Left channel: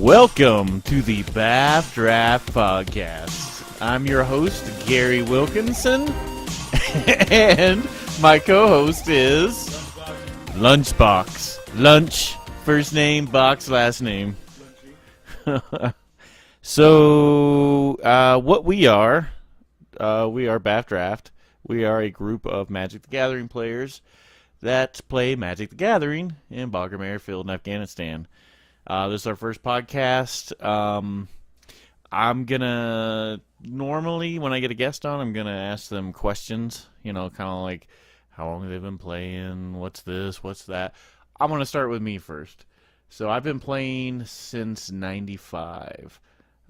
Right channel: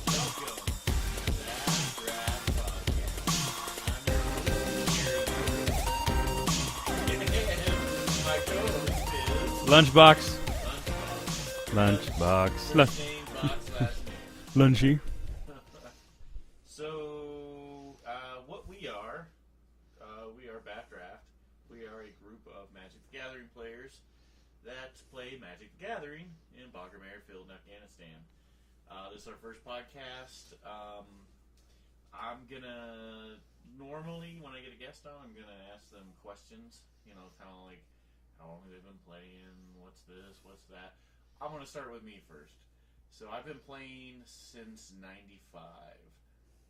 Welcome to the BAFDraft Podcast. I'm your host, Gary Wilkinson, and my co-host is... Lunchbox. Lunch, first name, box, last name. Lunchy. So, what we are BAFDraft. We are a group of Magic the Gathering players that play Magic the Gathering in Bagram Air Field in Afghanistan. This is our first podcast. I'm going to, normally when I get a guest on, I'm going to ask them questions, kind of like how long they've been playing, what's this, what's that. I'm going to start with me first. So I've been playing since 95.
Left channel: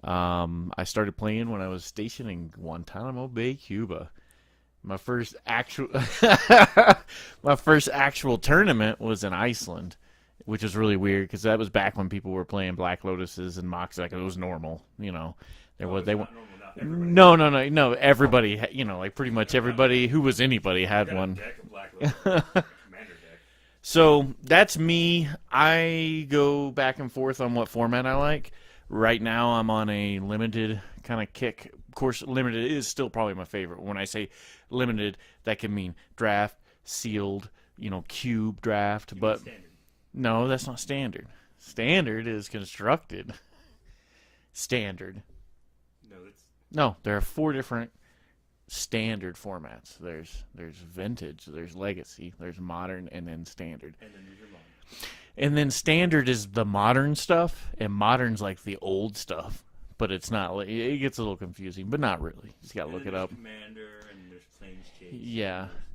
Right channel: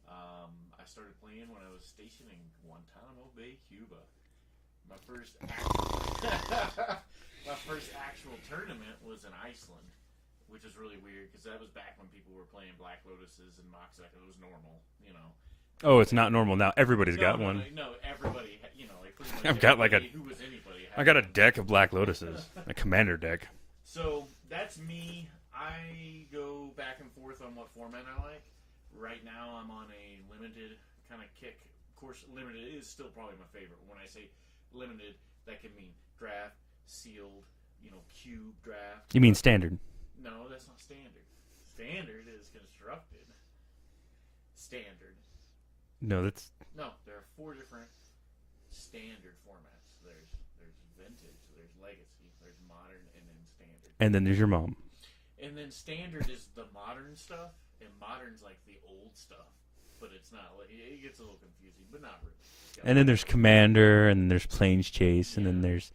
I started playing when I was stationed in Guantanamo Bay, Cuba. My first actual tournament was in Iceland, which is really weird because that was back when people were playing Black Lotuses and Mox, like it was normal, It's not normal now. Everybody's no. Everybody, like pretty much everybody who was anybody had one. I got a deck of Black Lotuses, a commander deck. So that's me. I go back and forth on what format I like. Right now, I'm on a limited kind of kick. Of course, limited is still probably my favorite. When I say limited, that can mean draft, sealed, cube draft. You mean standard? No, that's not standard. Standard is constructed. Standard. No, there are 4 different standard formats. There's vintage, there's legacy, there's modern, and then standard. And then there's your mom. And then standard is the modern stuff, and modern's like the old stuff. But it's not. It gets a little confusing, but not really. And then there's Commander, and there's Plains Chase, yeah. And then there's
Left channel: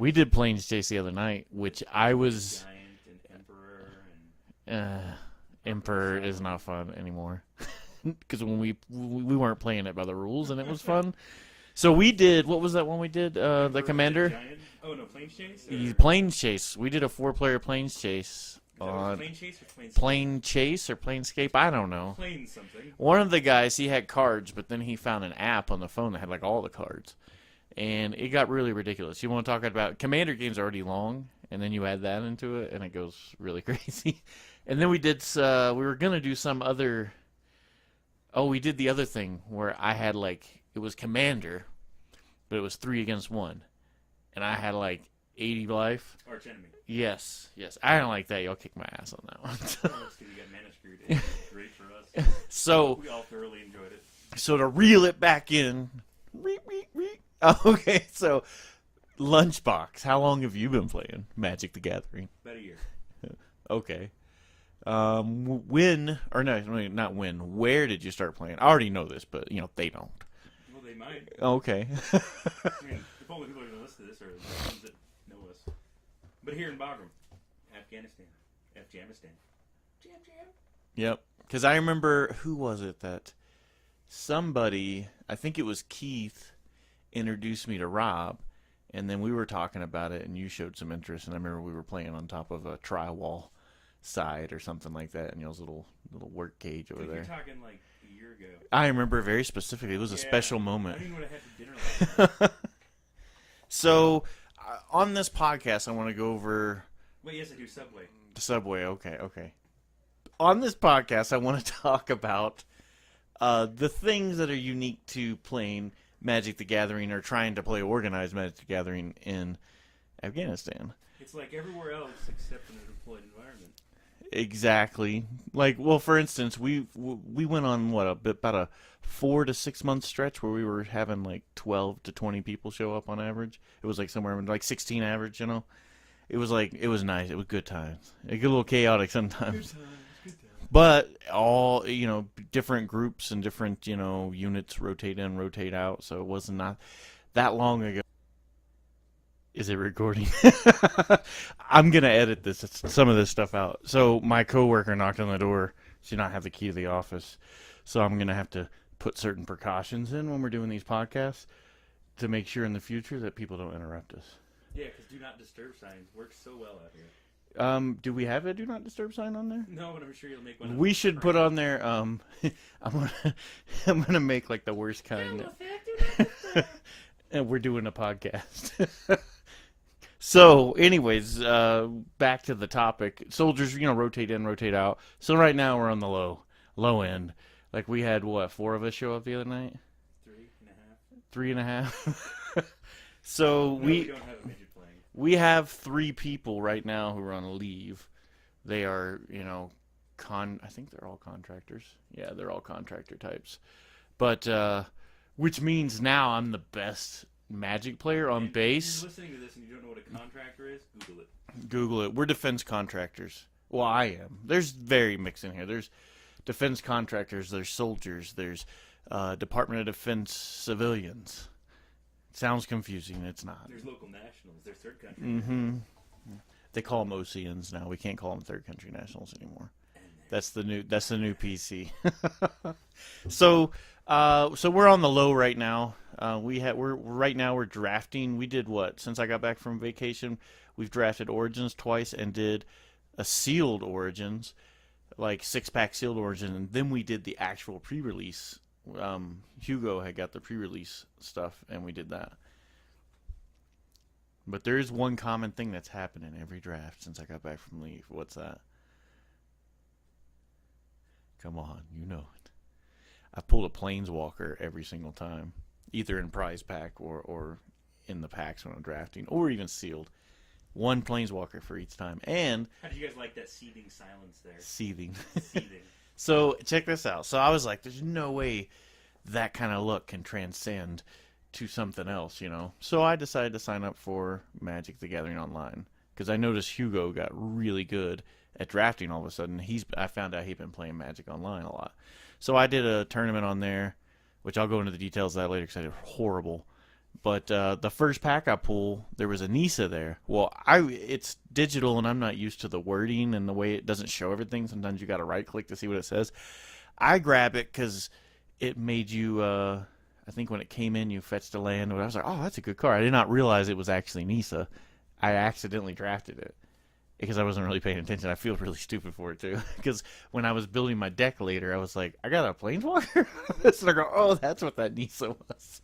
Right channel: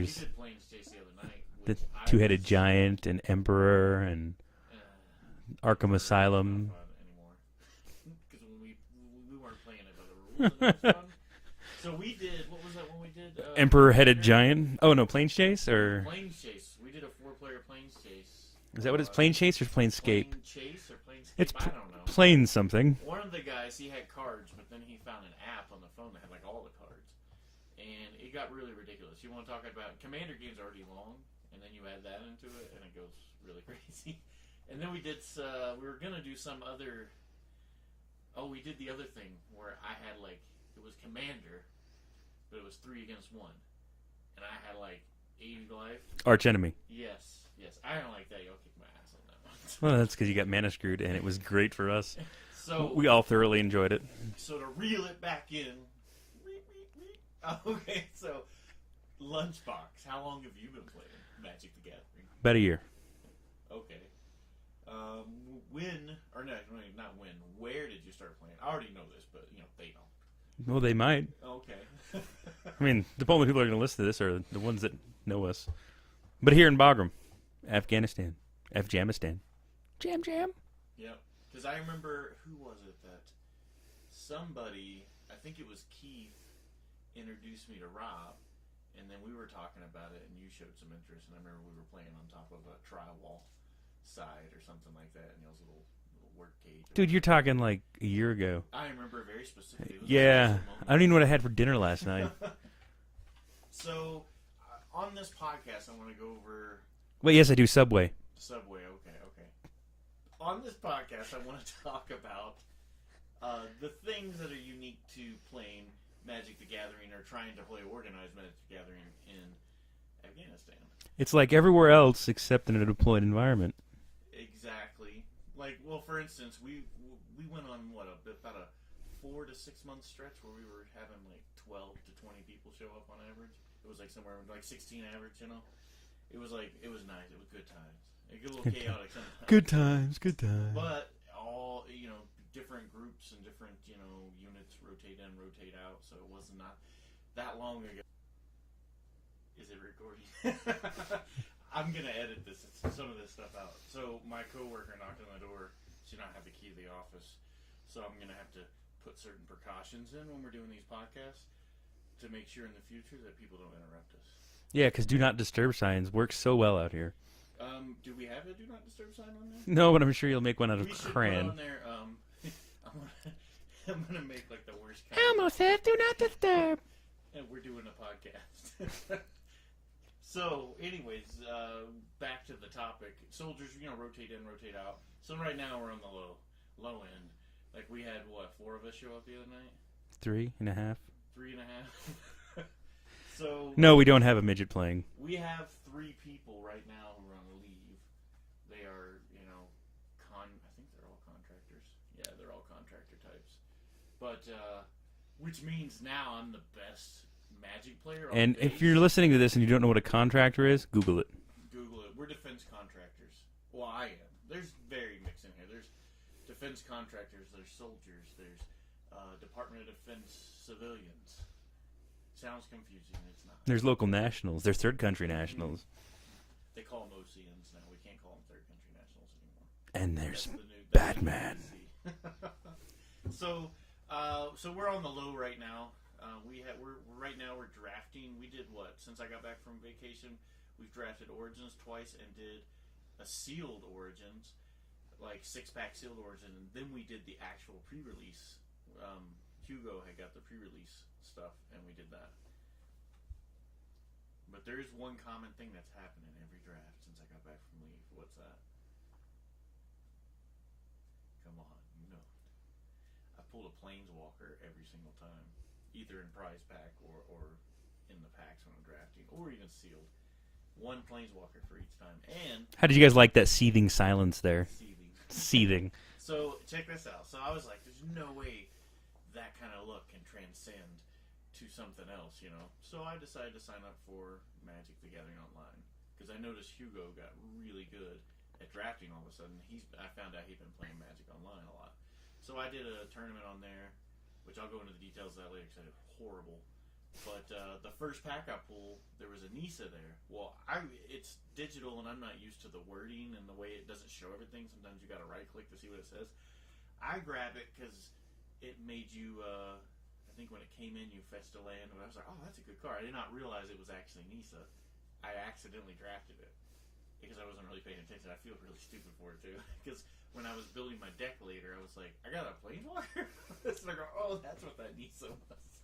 we did Plains Chase the other night, which I was Two-Headed Giant and Emperor and Arkham Emperor Asylum. Is not fun anymore because when we weren't playing it by the rules, and it was fun. So we did. What was that one we did? Emperor-Headed Giant. Oh no, Plains Chase or Plains Chase. We did a 4-player Plains Chase. Is that what it's? Plains Chase or Planescape? Plain Chase or Planescape? I don't know. Plain something. One of the guys, he had cards, but then he found an app on the phone that had like all the cards. And it got really ridiculous. You want to talk about Commander games already long, and then you add that into it, and it goes really crazy. And then we did, we were going to do some other, we did the other thing where I had it was Commander, but it was 3 against 1. And I had 80 life. Arch enemy. Yes. I don't like that. Y'all kick my ass on that one. Well, that's because you got mana screwed, and it was great for us. So we all thoroughly enjoyed it. So to reel it back in. Okay, so Lunchbox. How long have you been playing Magic the Gathering? About a year. Okay. Where did you start playing? I already know this, but they don't. Well, they might. Okay. I mean, the only people that are going to listen to this are the ones that know us. But here in Bagram, Afghanistan. Jam. Yep. Because I remember, who was it that somebody, I think it was Keith, introduced me to Rob, and then we were talking about it, and you showed some interest, and I remember we were playing on top of a tri-wall side or something like that, and y'all's little work cage over Dude, there. you're talking a year ago. I remember very specifically. It was a special moment. I don't even know what I had for dinner last night. So, on this podcast, I want to go over... Wait, yes, I do Subway. The Subway, okay. On this podcast, I want to talk about the things that are unique to playing Magic the Gathering or trying to play organized Magic the Gathering in Afghanistan. It's like everywhere else except in a deployed environment. Exactly. For instance, we went on about a 4 to 6 month stretch where we were having 12 to 20 people show up on average. It was somewhere 16 average, It was it was nice. It was good times. It got a little chaotic sometimes. Good times. But all, different groups and different, units rotate in, rotate out. So it wasn't not that long ago. Is it recording? I'm going to edit some of this stuff out. So my coworker knocked on the door. She did not have the key to the office. So I'm going to have to put certain precautions in when we're doing these podcasts to make sure in the future that people don't interrupt us. Yeah, because do not disturb signs work so well out here. Do we have a do not disturb sign on there? No, but I'm sure you'll make one out of We should crayon. put on there, I'm gonna make the worst kind Elmo said do not disturb. And we're doing a podcast. So, anyways, back to the topic. Soldiers, rotate in, rotate out. So right now we're on the low. low end. Like we had what, 4 of us show up the other night? 3.5. 3.5. So No, we don't have a midget playing. We have 3 people right now who are on leave. They are, I think they're all contractors. Yeah, they're all contractor types. But which means now I'm the best Magic player on base. If you're listening to this and you don't know what a contractor is, Google it. Google it. We're defense contractors. Well, I am. There's very mixed in here. There's defense contractors. There's soldiers. There's Department of Defense civilians. Sounds confusing. It's not. There's local nationals. There's third country nationals. They call them OCNs now. We can't call them third country nationals anymore. And there's that's the new PC. So we're on the low right now. We're drafting. We did what? Since I got back from vacation, we've drafted Origins twice and did a sealed Origins, like 6-pack sealed Origin, and then we did the actual pre-release. Hugo had got the pre-release stuff, and we did that. But there is one common thing that's happened in every draft since I got back from leave. What's that? Come on, you know it. I pulled a Planeswalker every single time, either in prize pack or in the packs when I'm drafting, or even sealed. One Planeswalker for each time. And how did you guys like that seething silence there? Seething. So check this out. So I was like, there's no way that kind of look can transcend to something else, So I decided to sign up for Magic the Gathering Online because I noticed Hugo got really good at drafting all of a sudden. I found out he'd been playing Magic Online a lot. So I did a tournament on there, which I'll go into the details of that later because I did horrible. But the first pack I pulled, there was a Nisa there. Well, it's digital, and I'm not used to the wording and the way it doesn't show everything. Sometimes you got to right-click to see what it says. I grab it because it made you, I think when it came in, you fetched a land. I was like, oh, that's a good card. I did not realize it was actually Nisa. I accidentally drafted it because I wasn't really paying attention. I feel really stupid for it, too. Because when I was building my deck later, I was like, I got a Planeswalker? So I go, oh, that's what that Nisa was.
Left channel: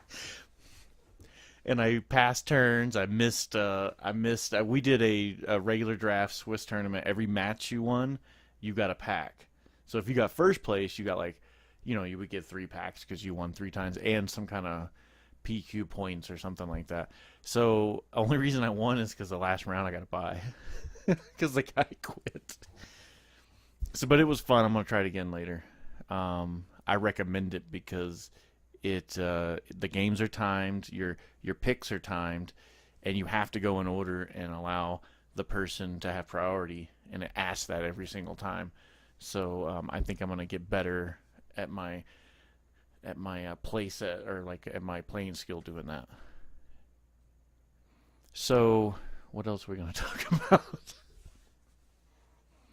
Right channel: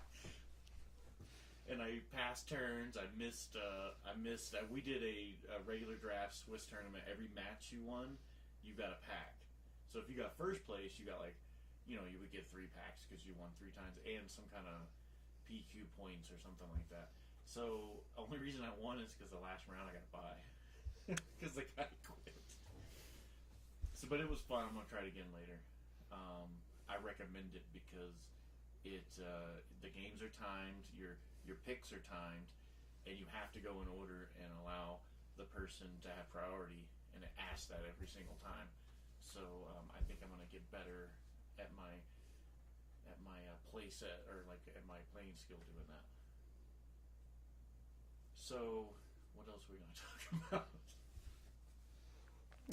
And I passed turns. I missed. We did a regular draft Swiss tournament. Every match you won, you got a pack. So if you got first place, you got you would get 3 packs because you won 3 times and some kind of PQ points or something like that. So only reason I won is because the last round I got to buy because the guy quit. So, but it was fun. I'm gonna try it again later. I recommend it because the games are timed. Your picks are timed, and you have to go in order and allow the person to have priority, and it asks that every single time. So I think I'm going to get better at my play set, or at my playing skill doing that. So what else are we going to talk about?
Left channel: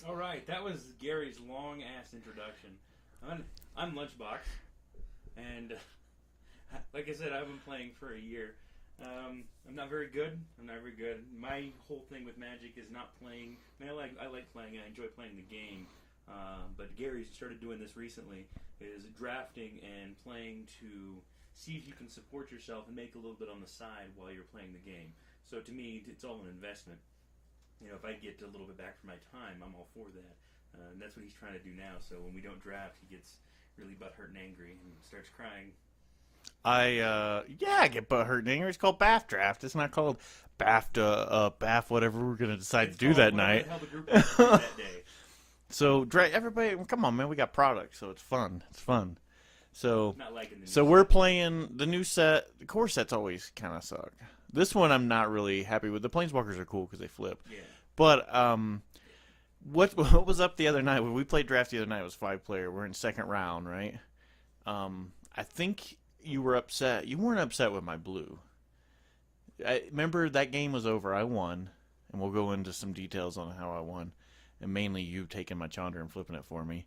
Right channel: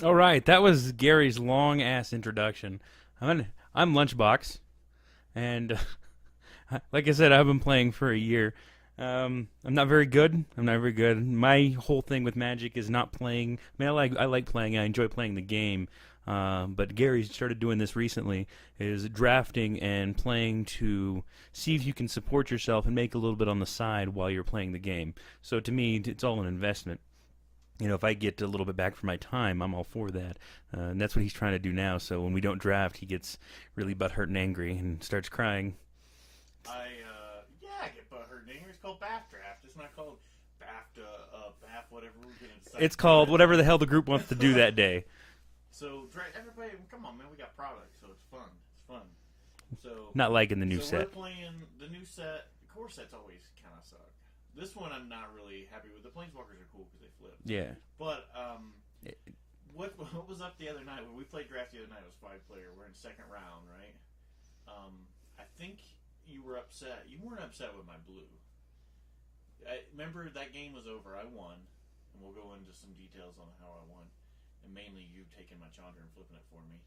All right, that was Gary's long-ass introduction. I'm Lunchbox, and like I said, I've been playing for a year. I'm not very good. My whole thing with Magic is not playing. I mean, I like playing. I enjoy playing the game. But Gary started doing this recently, is drafting and playing to see if you can support yourself and make a little bit on the side while you're playing the game. So to me, it's all an investment. If I get a little bit back for my time, I'm all for that. And that's what he's trying to do now. So when we don't draft, he gets really butthurt and angry and starts crying. I get butthurt and angry. It's called BAFDraft. It's not called BAF whatever we're going to decide it's to do called that whatever night. the hell the group wants to do that day. So everybody, come on, man. We got products, so it's fun. It's fun. So not liking the new set. So we're playing the new set. The core sets always kind of suck. This one I'm not really happy with. The Planeswalkers are cool because they flip. Yeah. But what was up the other night? When we played draft the other night, it was 5-player. We're in second round, right? I think you were upset. You weren't upset with my blue. I remember that game was over. I won, and we'll go into some details on how I won, and mainly you taking my Chandra and flipping it for me.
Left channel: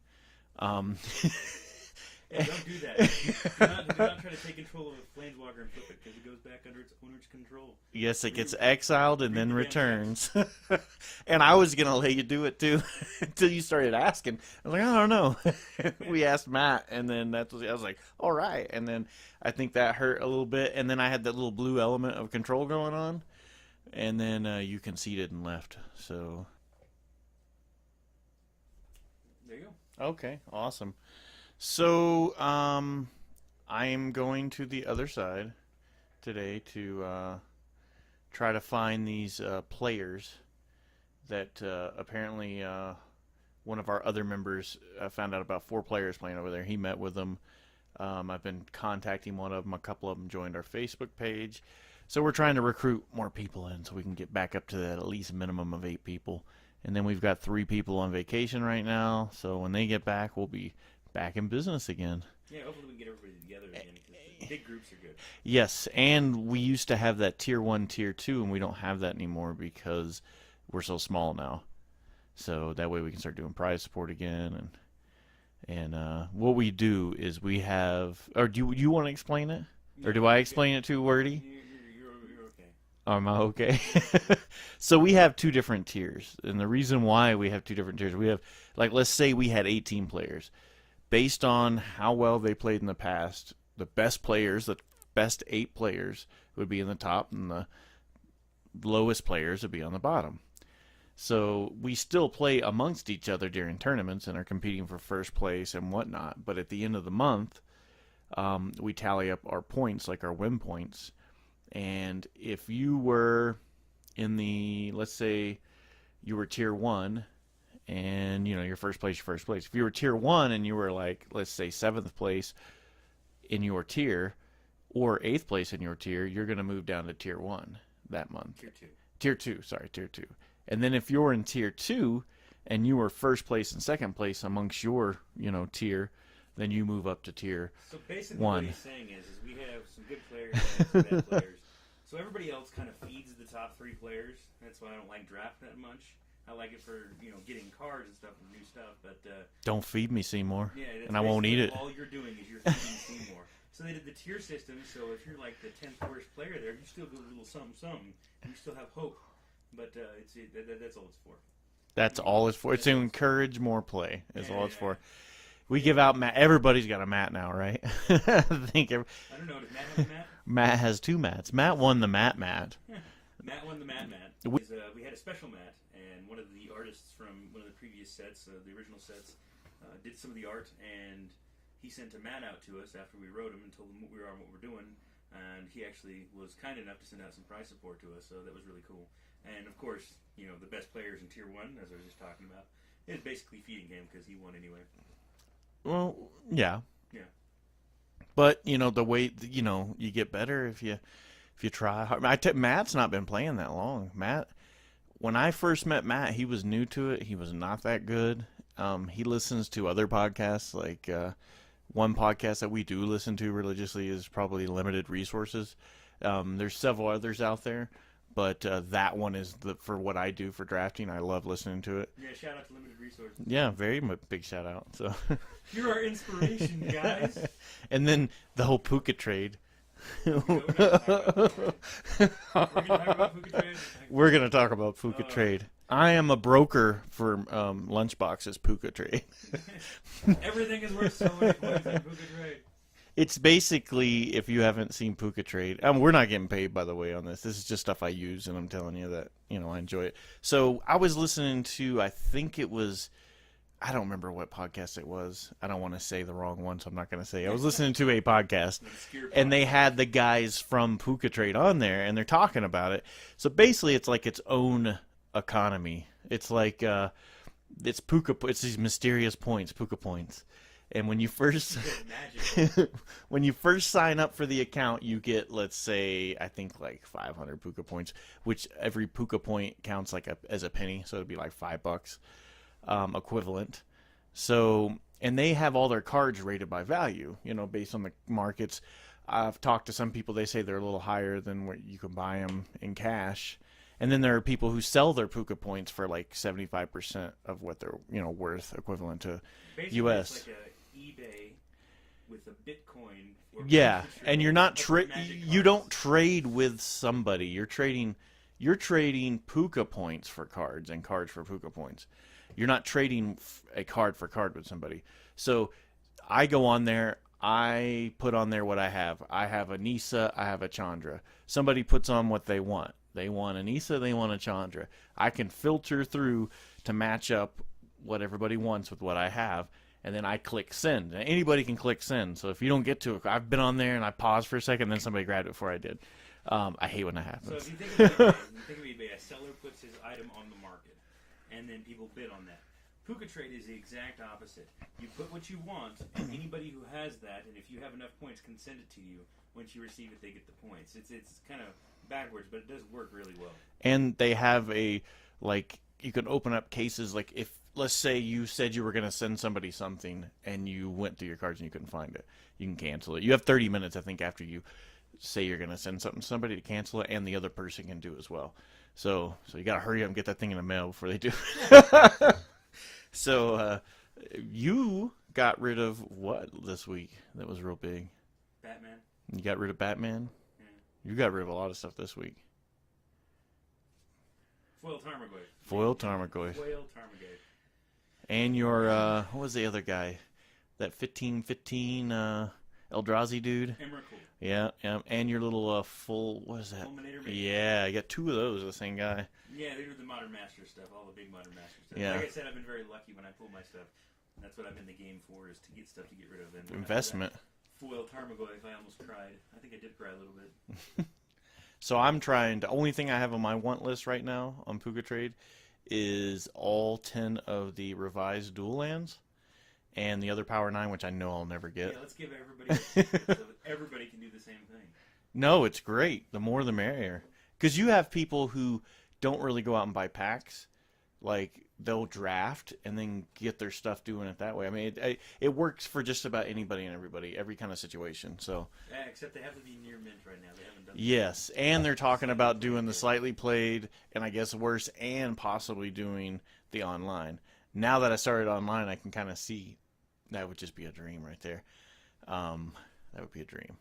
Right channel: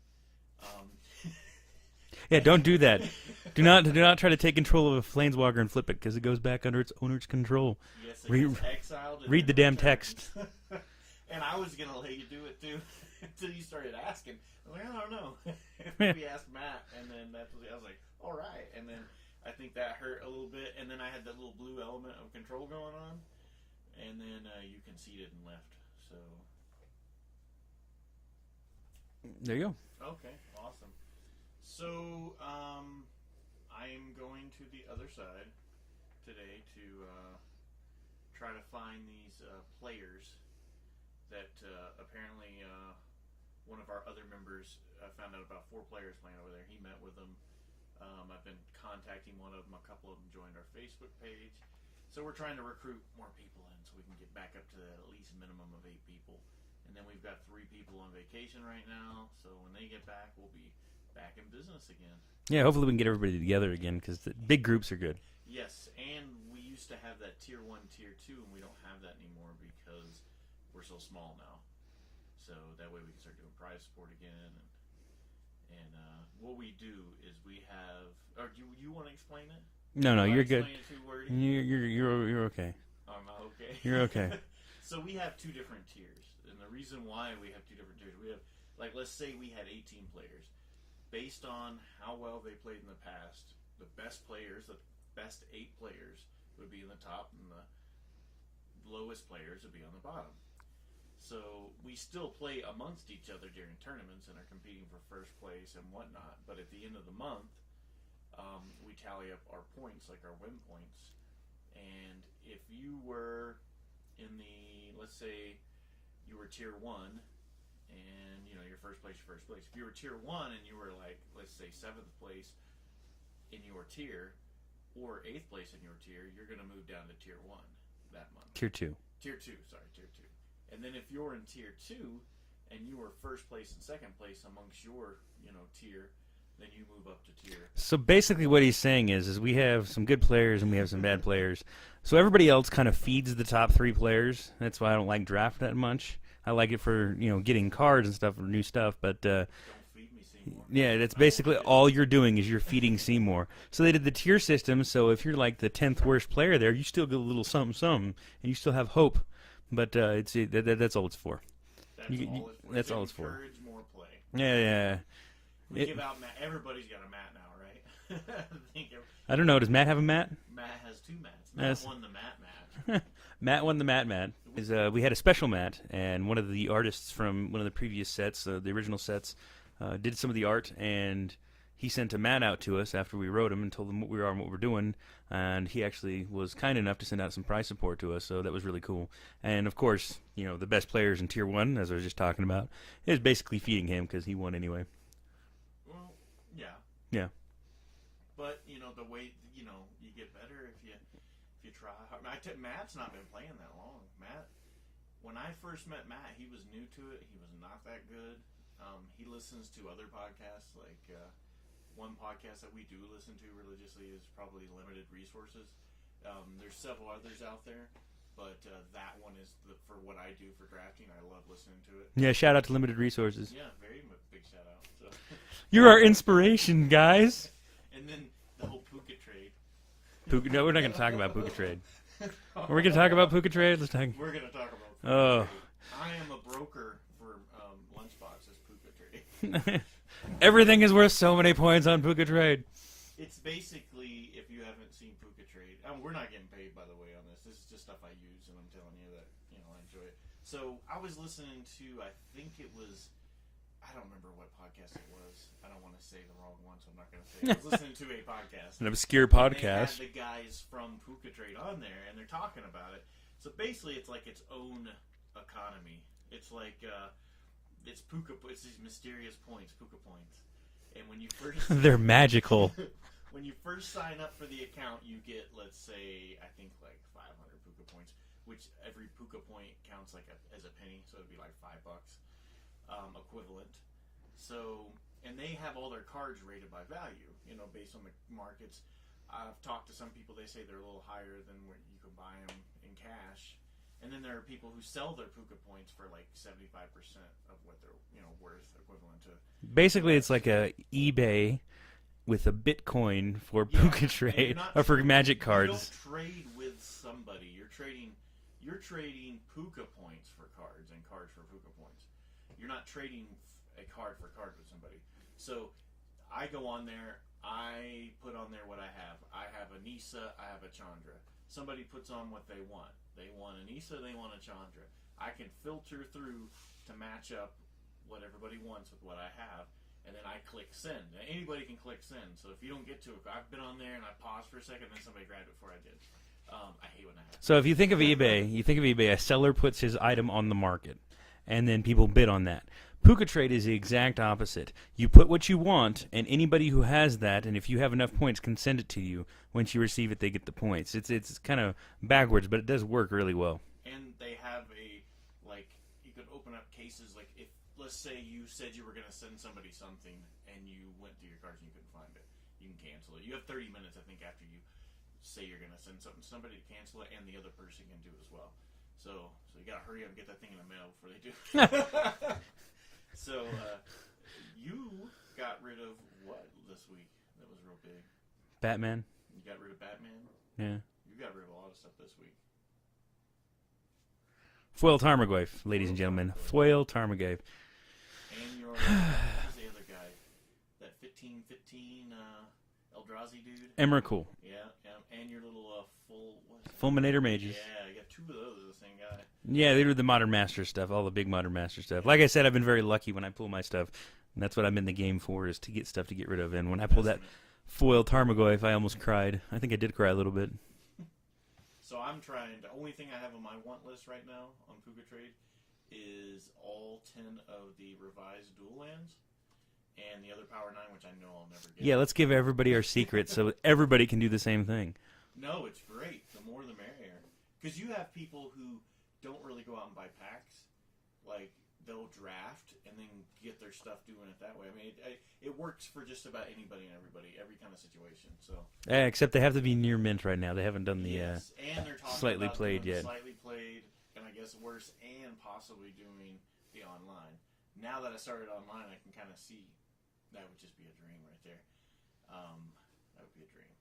Yeah, don't do that. do not try to take control of a Planeswalker and flip it because it goes back under its owner's control. Yes, it gets exiled and read then the returns. damn text. And I was gonna let you do it too until you started asking. I was like, I don't know. We asked Matt, and then I was like, all right. And then I think that hurt a little bit. And then I had that little blue element of control going on, and then you conceded and left. So there you go. Okay, awesome. So, I am going to the other side today to try to find these players that apparently one of our other members found out about 4 players playing over there. He met with them. I've been contacting one of them. A couple of them joined our Facebook page. So we're trying to recruit more people in so we can get back up to that at least minimum of 8 people. And then we've got 3 people on vacation right now. So when they get back, we'll be back in business again. Yeah, hopefully we can get everybody together again because the big groups are good. Yes, and we used to have that Tier 1, Tier 2, and we don't have that anymore because we're so small now. So that way we can start doing prize support again. And what we do is we have... Or do you want to explain it? No, or do no, I you're explain it too wordy? You're okay. Am I okay? You're okay. So we have 2 different tiers. And the reason why we have 2 different tiers, we have... Like, let's say we had 18 players. Based on how well they played in the past, the best players, the best 8 players would be in the top, and the lowest players would be on the bottom. So we still play amongst each other during tournaments and are competing for first place and whatnot. But at the end of the month, we tally up our points, like our win points. And if you were in the, let's say you were Tier 1, and, you know, your first place. If you were Tier 1 and you were, like, let's say 7th place in your tier or 8th place in your tier, you're going to move down to Tier 1 that month. Tier 2. Tier 2. And then if you're in Tier 2 and you were first place and second place amongst your, you know, tier, then you move up to Tier So basically 1. what he's saying is we have some good players and we have some bad players. So everybody else kind of feeds the top 3 players. That's why I don't like draft that much. I like it for, you know, getting cards and stuff or new stuff, but Don't feed me, Seymour. yeah, that's and I won't eat basically it. all you're doing is you're feeding Seymour. So they did the tier system, so if you're like the 10th worst player there, you still get a little something, and you still have hope. But that's all it's for. That's all it's for. It's that's to all it's for. encourage more play. That's all it's Yeah. for. We give out mat. Everybody's got a mat now, right? I think I don't know. Does Matt have a mat? Matt has 2 mats. Matt Yes. won the mat. Matt won the mat. We had a special mat, and one of the artists from one of the previous sets, the original sets, did some of the art, and he sent a mat out to us after we wrote him and told him what we are and what we're doing, and he actually was kind enough to send out some prize support to us, so that was really cool. And, of course, you know, the best players in Tier 1, as I was just talking about, is basically feeding him because he won anyway. Well, yeah. Yeah. But, you know, the way, you know, you get better if you try hard. Matt's not been playing that long. Matt, when I first met Matt, he was new to it. He was not that good. He listens to other podcasts. Like one podcast that we do listen to religiously is probably Limited Resources. There's several others out there, but that one is for what I do for drafting. I love listening to it. Yeah, shout out to Limited Resources. Yeah, very big shout out. So You're our inspiration, guys. And then the whole Puka trade. No, we're not going to talk about Puka Trade. We're going to talk about Puka Trade? We're going to talk about Puka Trade. I am a broker for Lunchbox's Puka Trade. Everything is worth so many points on Puka Trade. It's basically, if you haven't seen Puka Trade, we're not getting paid, by the way, on this. This is just stuff I use, and I'm telling you that, you know, I enjoy it. So I was listening to, I think it was, I don't remember what podcast it was. I don't want to say the wrong one, so I'm not going to say. I was listening to a podcast. An obscure podcast. And they had the guys from Puka Trade on there, and they're talking about it. So basically, it's like its own economy. It's like, it's these mysterious points, Puka points. And when you first... They're magical. When you first sign up for the account, you get, let's say, I think like 500 Puka points, which every Puka point counts like as a penny, so it'd be like $5. Equivalent. So, and they have all their cards rated by value, you know, based on the markets. I've talked to some people, they say they're a little higher than what you can buy them in cash. And then there are people who sell their Puka points for like 75% of what they're, you know, worth, equivalent to Basically, US. It's like a eBay with a Bitcoin for Yeah, Puka Trade. and you're not for magic cards. You don't trade with somebody. You're trading Puka points for cards and cards for Puka points. You're not trading a card for card with somebody. So I go on there. I put on there what I have. I have a Nisa. I have a Chandra. Somebody puts on what they want. They want a Nisa. They want a Chandra. I can filter through to match up what everybody wants with what I have. and then I click send. And anybody can click send. So if you don't get to it, I've been on there and I paused for a second, and then somebody grabbed it before I did. I hate when that happens. So if you think of eBay, a seller puts his item on the market, and then people bid on that. Puka Trade is the exact opposite. You put what you want, and anybody who has that, and if you have enough points, can send it to you. Once you receive it, they get the points. It's kind of backwards, but it does work really well. And they have you can open up cases, like if, let's say you said you were going to send somebody something, and you went through your cards and you couldn't find it. You can cancel it. You have 30 minutes, I think, after you say you're going to send something to somebody to cancel it, and the other person can do as well. So you got to hurry up and get that thing in the mail before they do. So you got rid of what this week that was real big? Batman. You got rid of Batman? Yeah. You got rid of a lot of stuff this week. Foil Tarmogoyf, ladies and gentlemen. Foil Tarmogoyf. And your, what was the other guy? That 1515 Eldrazi dude? Emrakul. Yeah. And your little what is that? Fulminator Mage. Yeah, I got two of those, the same guy. Yeah, they do the Modern Master stuff, all the big Modern Master stuff. Yeah. Like I said, I've been very lucky when I pull my stuff. And that's what I'm in the game for, is to get stuff to get rid of. And when I pulled that Foil Tarmogoyf, I almost cried. I think I did cry a little bit. So I'm trying the only thing I have on my want list right now on Puka Trade is all 10 of the revised dual lands and the other Power 9, which I know I'll never get. Yeah, let's give everybody our secrets so everybody can do the same thing. No, it's great. The more the merrier. Because you have people who don't really go out and buy packs. Like, they'll draft and then get their stuff doing it that way. I mean, it works for just about anybody and everybody, every kind of situation. So, yeah, except they have to be near mint right now. They haven't done the yes, and they're talking about doing the yet. slightly played, and I guess worse, and possibly doing the online. Now that I started online, I can kind of see that would just be a dream right there. That would be a dream.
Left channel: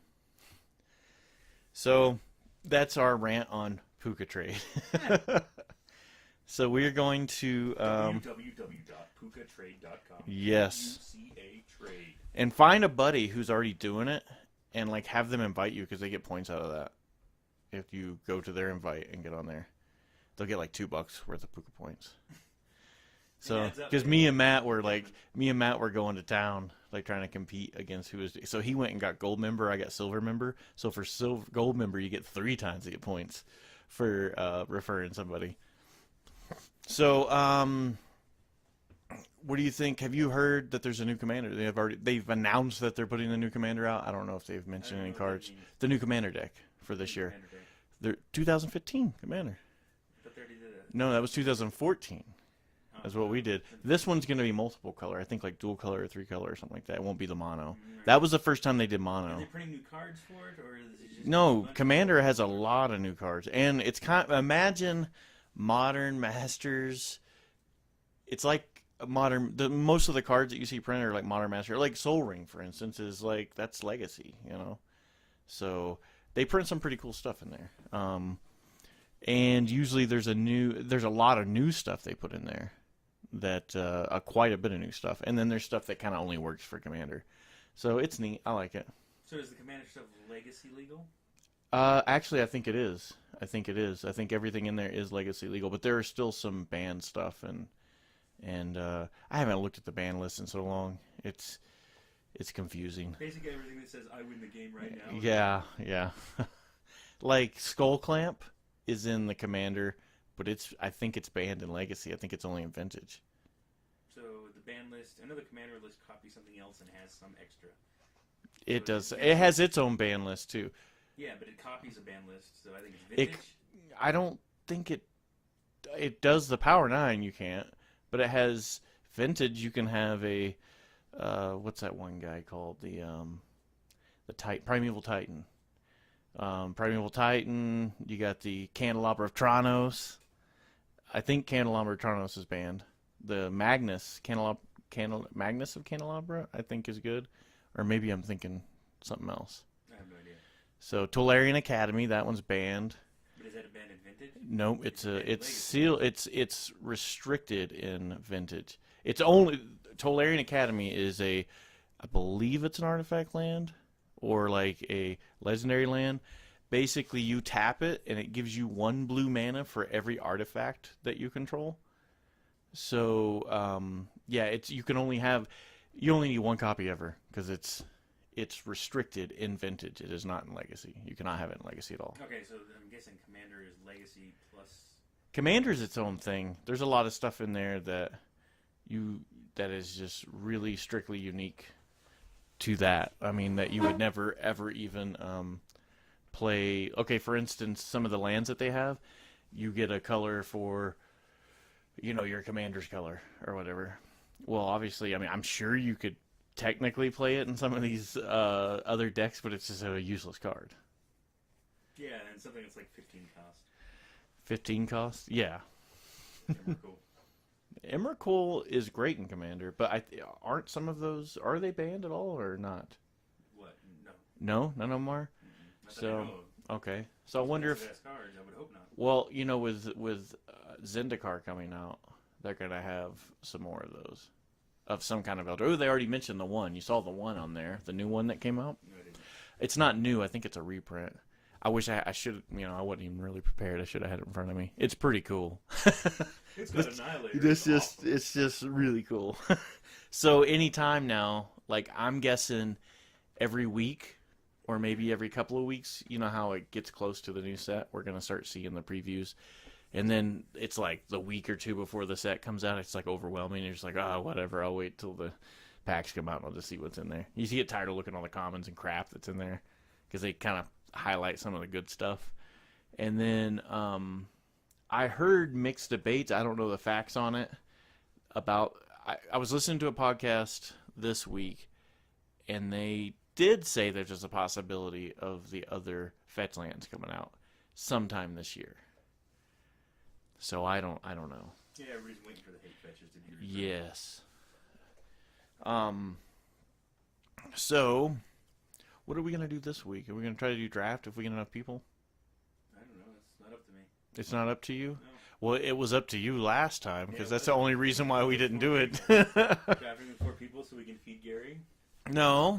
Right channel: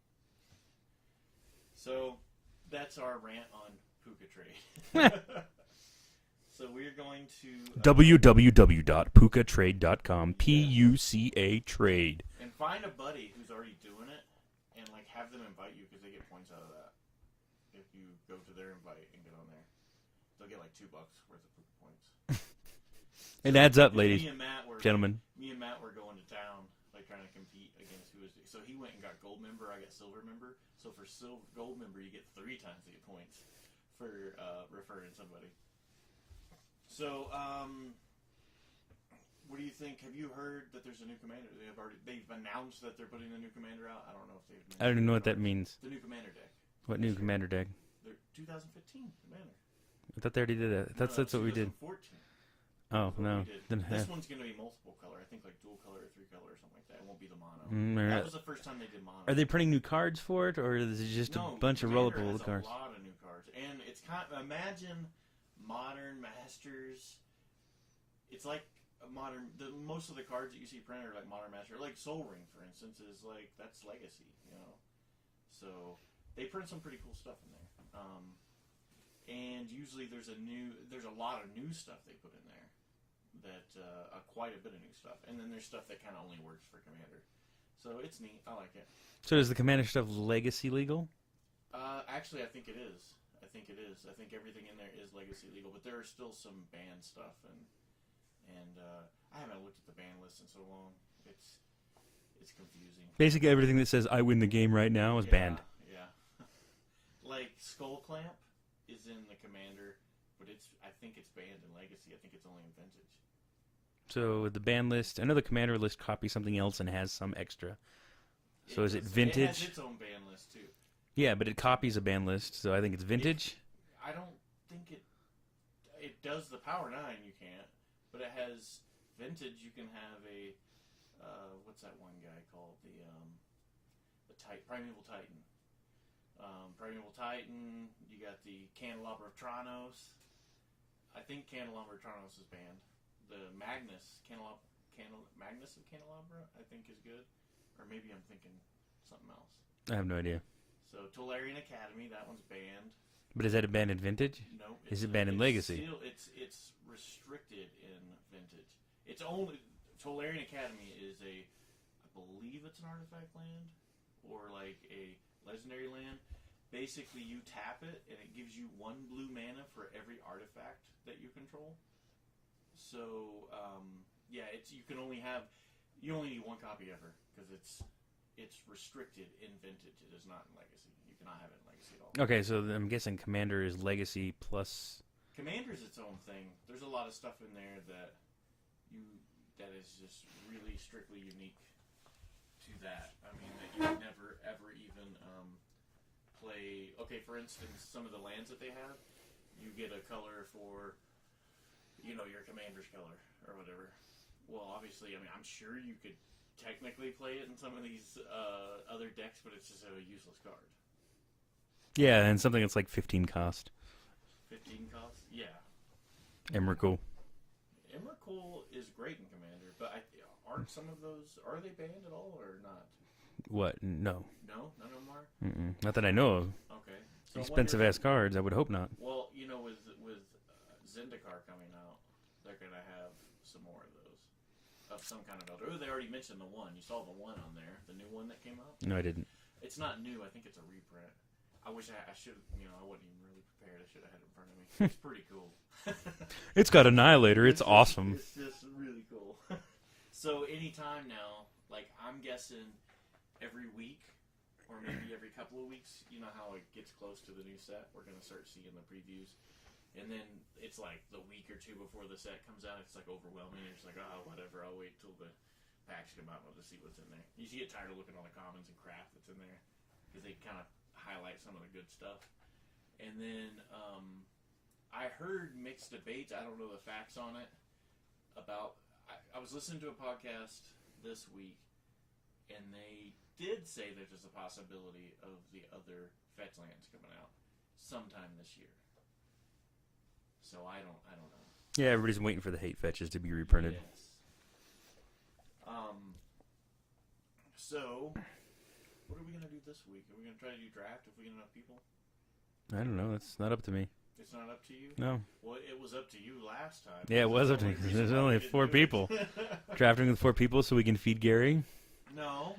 So that's our rant on Puka Trade. So we're going to www.pukatrade.com. Yes. Puca trade. And find a buddy who's already doing it, and like have them invite you, because they get points out of that. If you go to their invite and get on there, they'll get like $2 worth of Puka points. It adds up, because ladies, me and Matt were gentlemen. going to town, like trying to compete against who was. So he went and got gold member. I got silver member. So for gold member, you get 3 times the points for referring somebody. So, what do you think? Have you heard that there's a new commander? They've announced that they're putting a new commander out. I don't know if they've mentioned. I don't even know what cards. that means. The new commander deck for this year. Commander deck. They're 2015 commander. I thought they already did that. No, that was 2014. Oh, that's what no. we did. This one's going to be multiple color. I think like dual color or 3 color or something like that. It won't be the mono. That was the first time they did mono. Are they printing new cards for it, or is it just no? a bunch Commander of has a cards? lot of new cards, and it's imagine Modern Masters. It's like most of the cards that you see printed are like Modern Master, like Soul Ring, for instance, is like that's Legacy, So they print some pretty cool stuff in there. And usually there's a lot of new stuff they put in there, that quite a bit of new stuff, and then there's stuff that kind of only works for Commander. So it's neat. I like it. So is the Commander stuff Legacy legal? Actually, I think it is. I think everything in there is Legacy legal, but there are still some banned stuff and I haven't looked at the ban list in so long. It's confusing. Basically, everything that says "I win the game right now" is banned. Yeah. Like Skull Clamp is in the Commander, but I think it's banned in Legacy. I think it's only in Vintage. So the ban list, I know the Commander list copies something else and has some extra. It So does. is It has its own ban list too. Yeah, but it copies a ban list, so I think it's Vintage. I don't think it does the Power 9. You can't. But it has Vintage. You can have a what's that one guy called, the Primeval Titan. Primeval Titan. You got the Candelabra of Tronos. I think Candelabra of Tronos is banned. The Magnus Magnus of Candelabra, I think, is good. Or maybe I'm thinking something else. I have no idea. So Tolarian Academy, that one's banned. But is that a ban in Vintage? No, it's banned in Legacy? It's restricted in Vintage. It's only Tolarian Academy is I believe it's an artifact land or like a legendary land. Basically, you tap it and it gives you 1 blue mana for every artifact that you control. So you can only have. You only need one copy ever because it's restricted in Vintage. It is not in Legacy. You cannot have it in Legacy at all. Okay, so I'm guessing Commander is Legacy plus. Commander's its own thing. There's a lot of stuff in there that is just really strictly unique to that. I mean, that you would never ever even play. Okay, for instance, some of the lands that they have, you get a color for, your commander's color or whatever. Well, obviously, I mean, I'm sure you could technically play it in some of these other decks, but it's just a useless card. Yeah, and something that's like 15 cost. 15 cost? Yeah. Emrakul. Emrakul is great in Commander, but aren't some of those, are they banned at all or not? What? No. No? None of them are? Not that I know of. Okay. So Expensive-ass cards, I would hope not. Well, with Zendikar coming out, they're going to have some more of those. Of some kind of elder. Oh, they already mentioned the one. You saw the one on there. The new one that came out? No, I didn't. It's not new. I think it's a reprint. I wish I should, I wasn't even really prepared. I should have had it in front of me. It's pretty cool. It's got Annihilator. It's awesome. It's just really cool. So anytime now, like I'm guessing every week or maybe every couple of weeks, you know how it gets close to the new set, we're going to start seeing the previews. And then it's like the week or two before the set comes out, it's like overwhelming. You're just like, oh, whatever. I'll wait till the packs come out and I'll just see what's in there. You get tired of looking at all the commons and crap that's in there because they kind of highlight some of the good stuff. And then I heard mixed debates. I don't know the facts on it. I was listening to a podcast this week, and they did say there's just a possibility of the other fetch lands coming out sometime this year. So I don't know. Yeah, everybody's waiting for the hate fetches to be reprinted. Yes. So what are we going to do this week? Are we going to try to do draft if we get enough people? I don't know. It's not up to me. It's not up to you? No. Well, it was up to you last time. Yeah, that's the only reason why we didn't do people. Drafting with 4 people so we can feed Gary? No.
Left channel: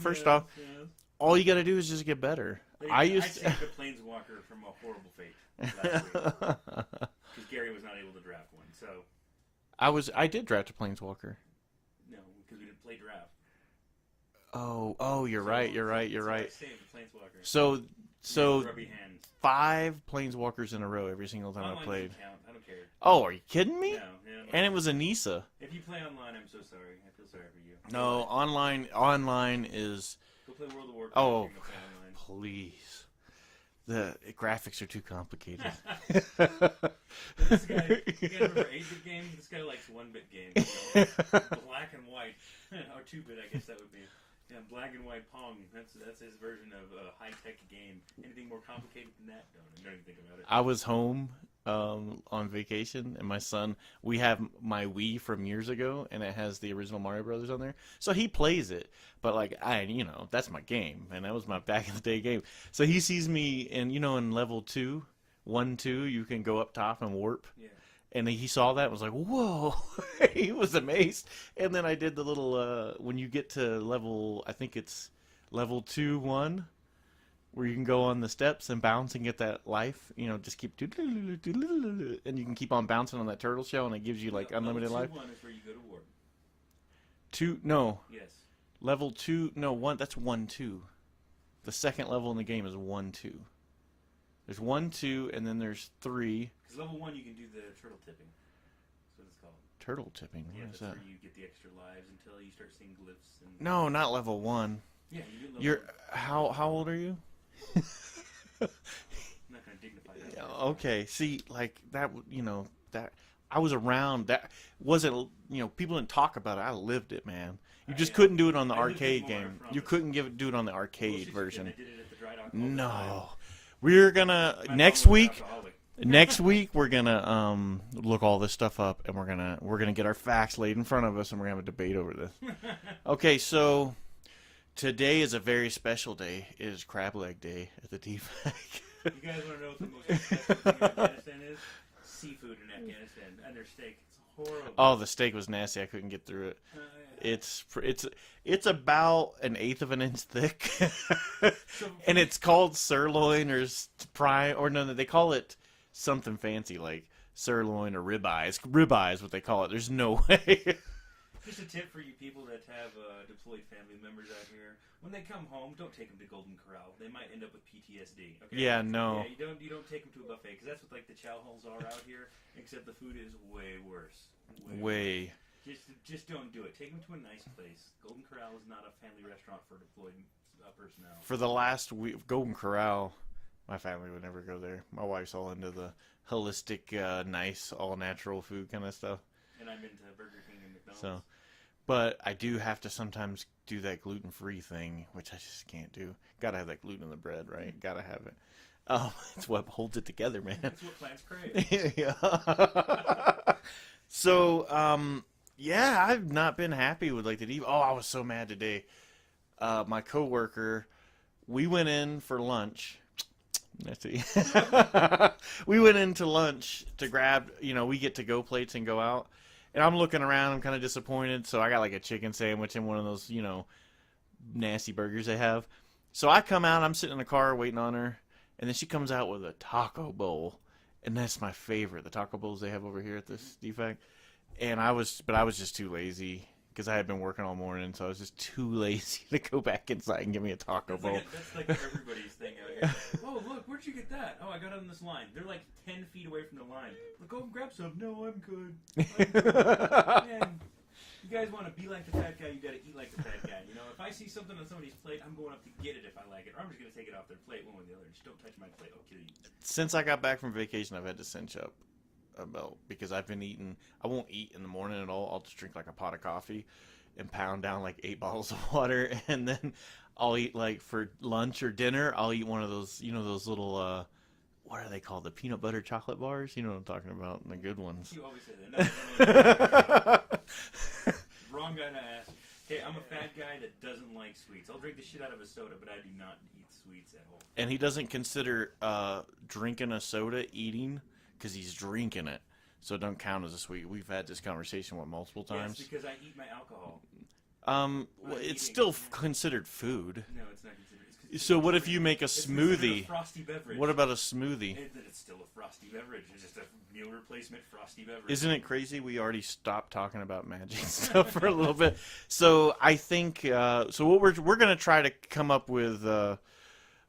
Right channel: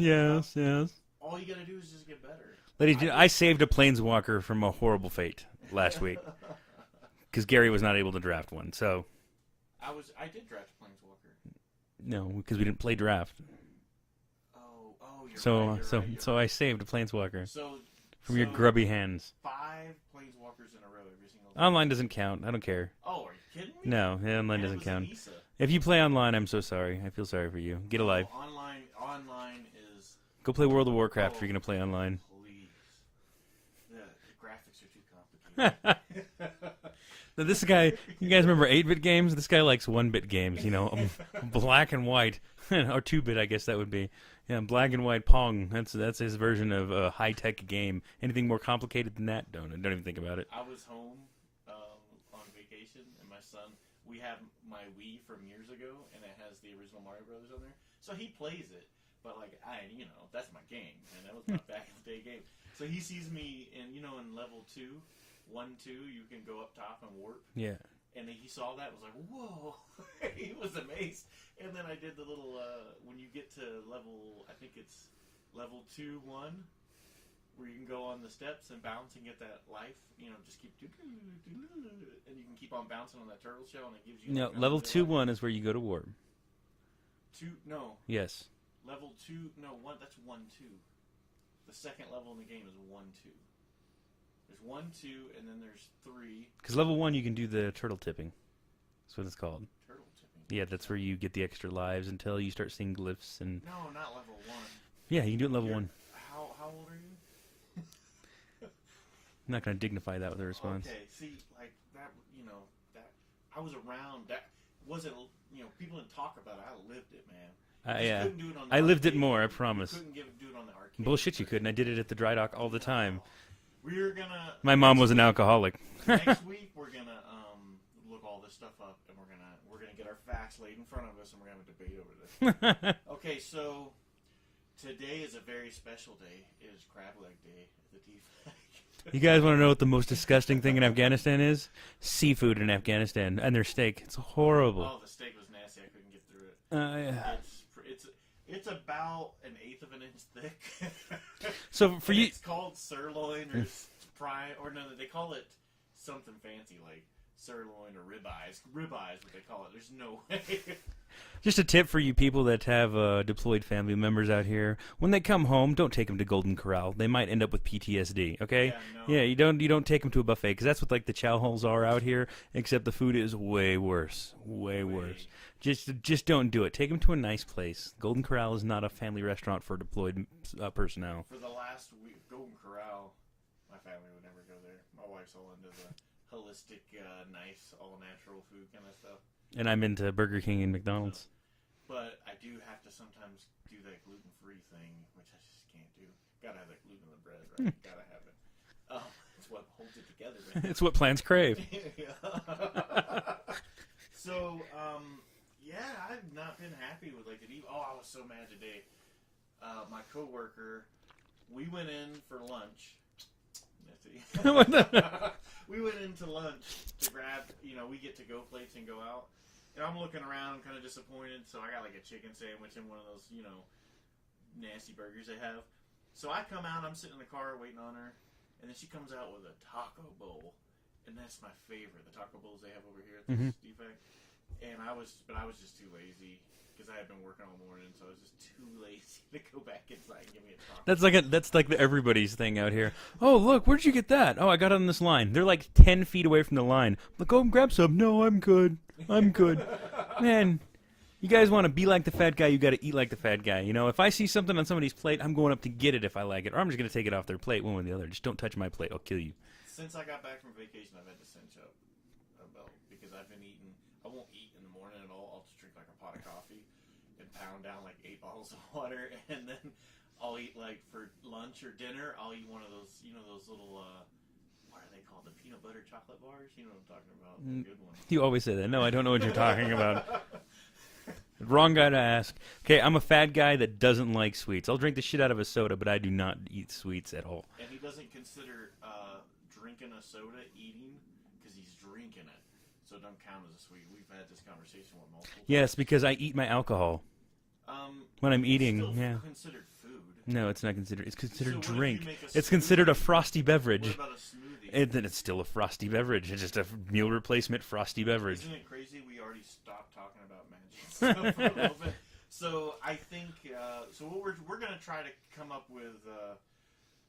First off, yes. all you got to do is just get better. I saved a Planeswalker from a horrible fate last week because Gary was not able to draft one. So I did draft a Planeswalker. No, because we didn't play draft. Oh, you're right. So I saved a Planeswalker. So your grubby hands. 5 Planeswalkers in a row every single time. Online doesn't count. I don't care. Oh, are you kidding me? No, online and it was count. a Nisa. If you play online, I'm so sorry. I feel sorry for you. Get a life. Online is. Go play World of Warcraft if you're going to play online. Please. The graphics are too complicated. This guy, you guys remember 8-bit games? This guy likes 1-bit games, black and white. Or 2-bit, I guess that would be. Yeah, black and white Pong. That's his version of a high-tech game. Anything more complicated than that? Don't even think about it. I was home on vacation, and my son, we have my Wii from years ago, and it has the original Mario Brothers on there. So he plays it, but that's my game, and that was my back in the day game. So he sees me, and in level 2, 1, 2, you can go up top and warp. Yeah. And he saw that and was like, whoa. He was amazed. And then I did the little, when you get to level, I think it's level 2, 1, where you can go on the steps and bounce and get that life, just keep, and you can keep on bouncing on that turtle shell, and it gives you level 2, 1 is where you go to warp. 2, no. Yes. Level 2, no, 1, that's 1, 2. The second level in the game is 1, 2. There's 1, 2, and then there's 3. Because level 1, you can do the turtle tipping. That's what it's called. Turtle tipping? Yeah, that's where you get the extra lives until you start seeing glyphs. And No, not level 1. Yeah, you can do it level 1. How old are you? I'm not going to dignify that with a response. Okay, see, that, that I was around. That wasn't, people didn't talk about it. I lived it, man. You just couldn't do it on the arcade. I lived it more, game. I promise. You couldn't do it on the arcade Bullshit, version. you couldn't. I did it at the dry dock all the time. We're gonna. My mom was an alcoholic. Next week we're gonna look all this stuff up, and we're gonna get our facts laid in front of us, and we're gonna have a debate over this. Okay, so today is a very special day. It is Crab Leg Day at the DFAC. You guys want to know what the most disgusting thing in Afghanistan is? Seafood in Afghanistan and their steak. It's horrible. Oh, the steak was nasty. I couldn't get through it. Yeah. It's about 1/8 of an inch thick. And it's called sirloin or prime, or no, they call it something fancy like sirloin or ribeye. It's ribeye is what they call it. There's no way. Just a tip for you people that have deployed family members out here: when they come home, don't take them to Golden Corral. They might end up with PTSD. Okay? Yeah, no. Yeah, you don't take them to a buffet because that's what like the chow halls are out here. Except the food is way worse. Way worse. Just don't do it. Take them to a nice place. Golden Corral is not a family restaurant for deployed personnel. For the last week, Golden Corral, my family would never go there. My wife's all into the holistic, nice, all-natural food kind of stuff. And I'm into Burger King and McDonald's. So, but I do have to sometimes do that gluten-free thing, which I just can't do. Gotta have that gluten in the bread, right? Gotta have it. Oh, it's what holds it together, man. It's what plants crave. Yeah. So, yeah, I've not been happy with like the deep. Oh, I was so mad today. My coworker, we went in for lunch. Let's see. We went into lunch to grab, we get to go plates and go out. And I'm looking around. I'm kind of disappointed. So I got like a chicken sandwich and one of those, nasty burgers they have. So I come out. I'm sitting in the car waiting on her. And then she comes out with a taco bowl. And that's my favorite. The taco bowls they have over here at this defect. And I was just too lazy because I had been working all morning, so I was just too lazy to go back inside and give me a taco. That's like everybody's thing out here. Oh, look, where'd you get that? Oh, I got it on this line. They're like 10 feet away from the line. Look, go and grab some. No, I'm good. Man, you guys want to be like the fat guy, you got to eat like the fat guy. If I see something on somebody's plate, I'm going up to get it if I like it, or I'm just going to take it off their plate, one way or the other. Just don't touch my plate. I'll kill you. Since I got back from vacation, I've had to cinch up because I've been eating. I won't eat in the morning at all. I'll just drink like a pot of coffee and pound down like 8 bottles of water, and then I'll eat like for lunch or dinner. I'll eat one of those, those little what are they called? The peanut butter chocolate bars. You know what I'm talking about? The good ones. You always say that. No, I don't know what you're talking about. Wrong guy to ask. Okay, I'm a fat guy that doesn't like sweets. I'll drink the shit out of a soda, but I do not eat sweets at all. And he doesn't consider drinking a soda eating because he's drinking it. So it don't count as a sweet. We've had this conversation with multiple times. Yes, because I eat my alcohol. When I'm eating. It's still considered food. No, it's not considered. It's considered So what drink. if you make a smoothie? It's considered a frosty beverage. What about a smoothie? Then it's still a frosty beverage. It's just a meal replacement frosty beverage. Isn't it crazy? We already stopped talking about magic stuff for a little bit. So I think so. What we're going to try to come up with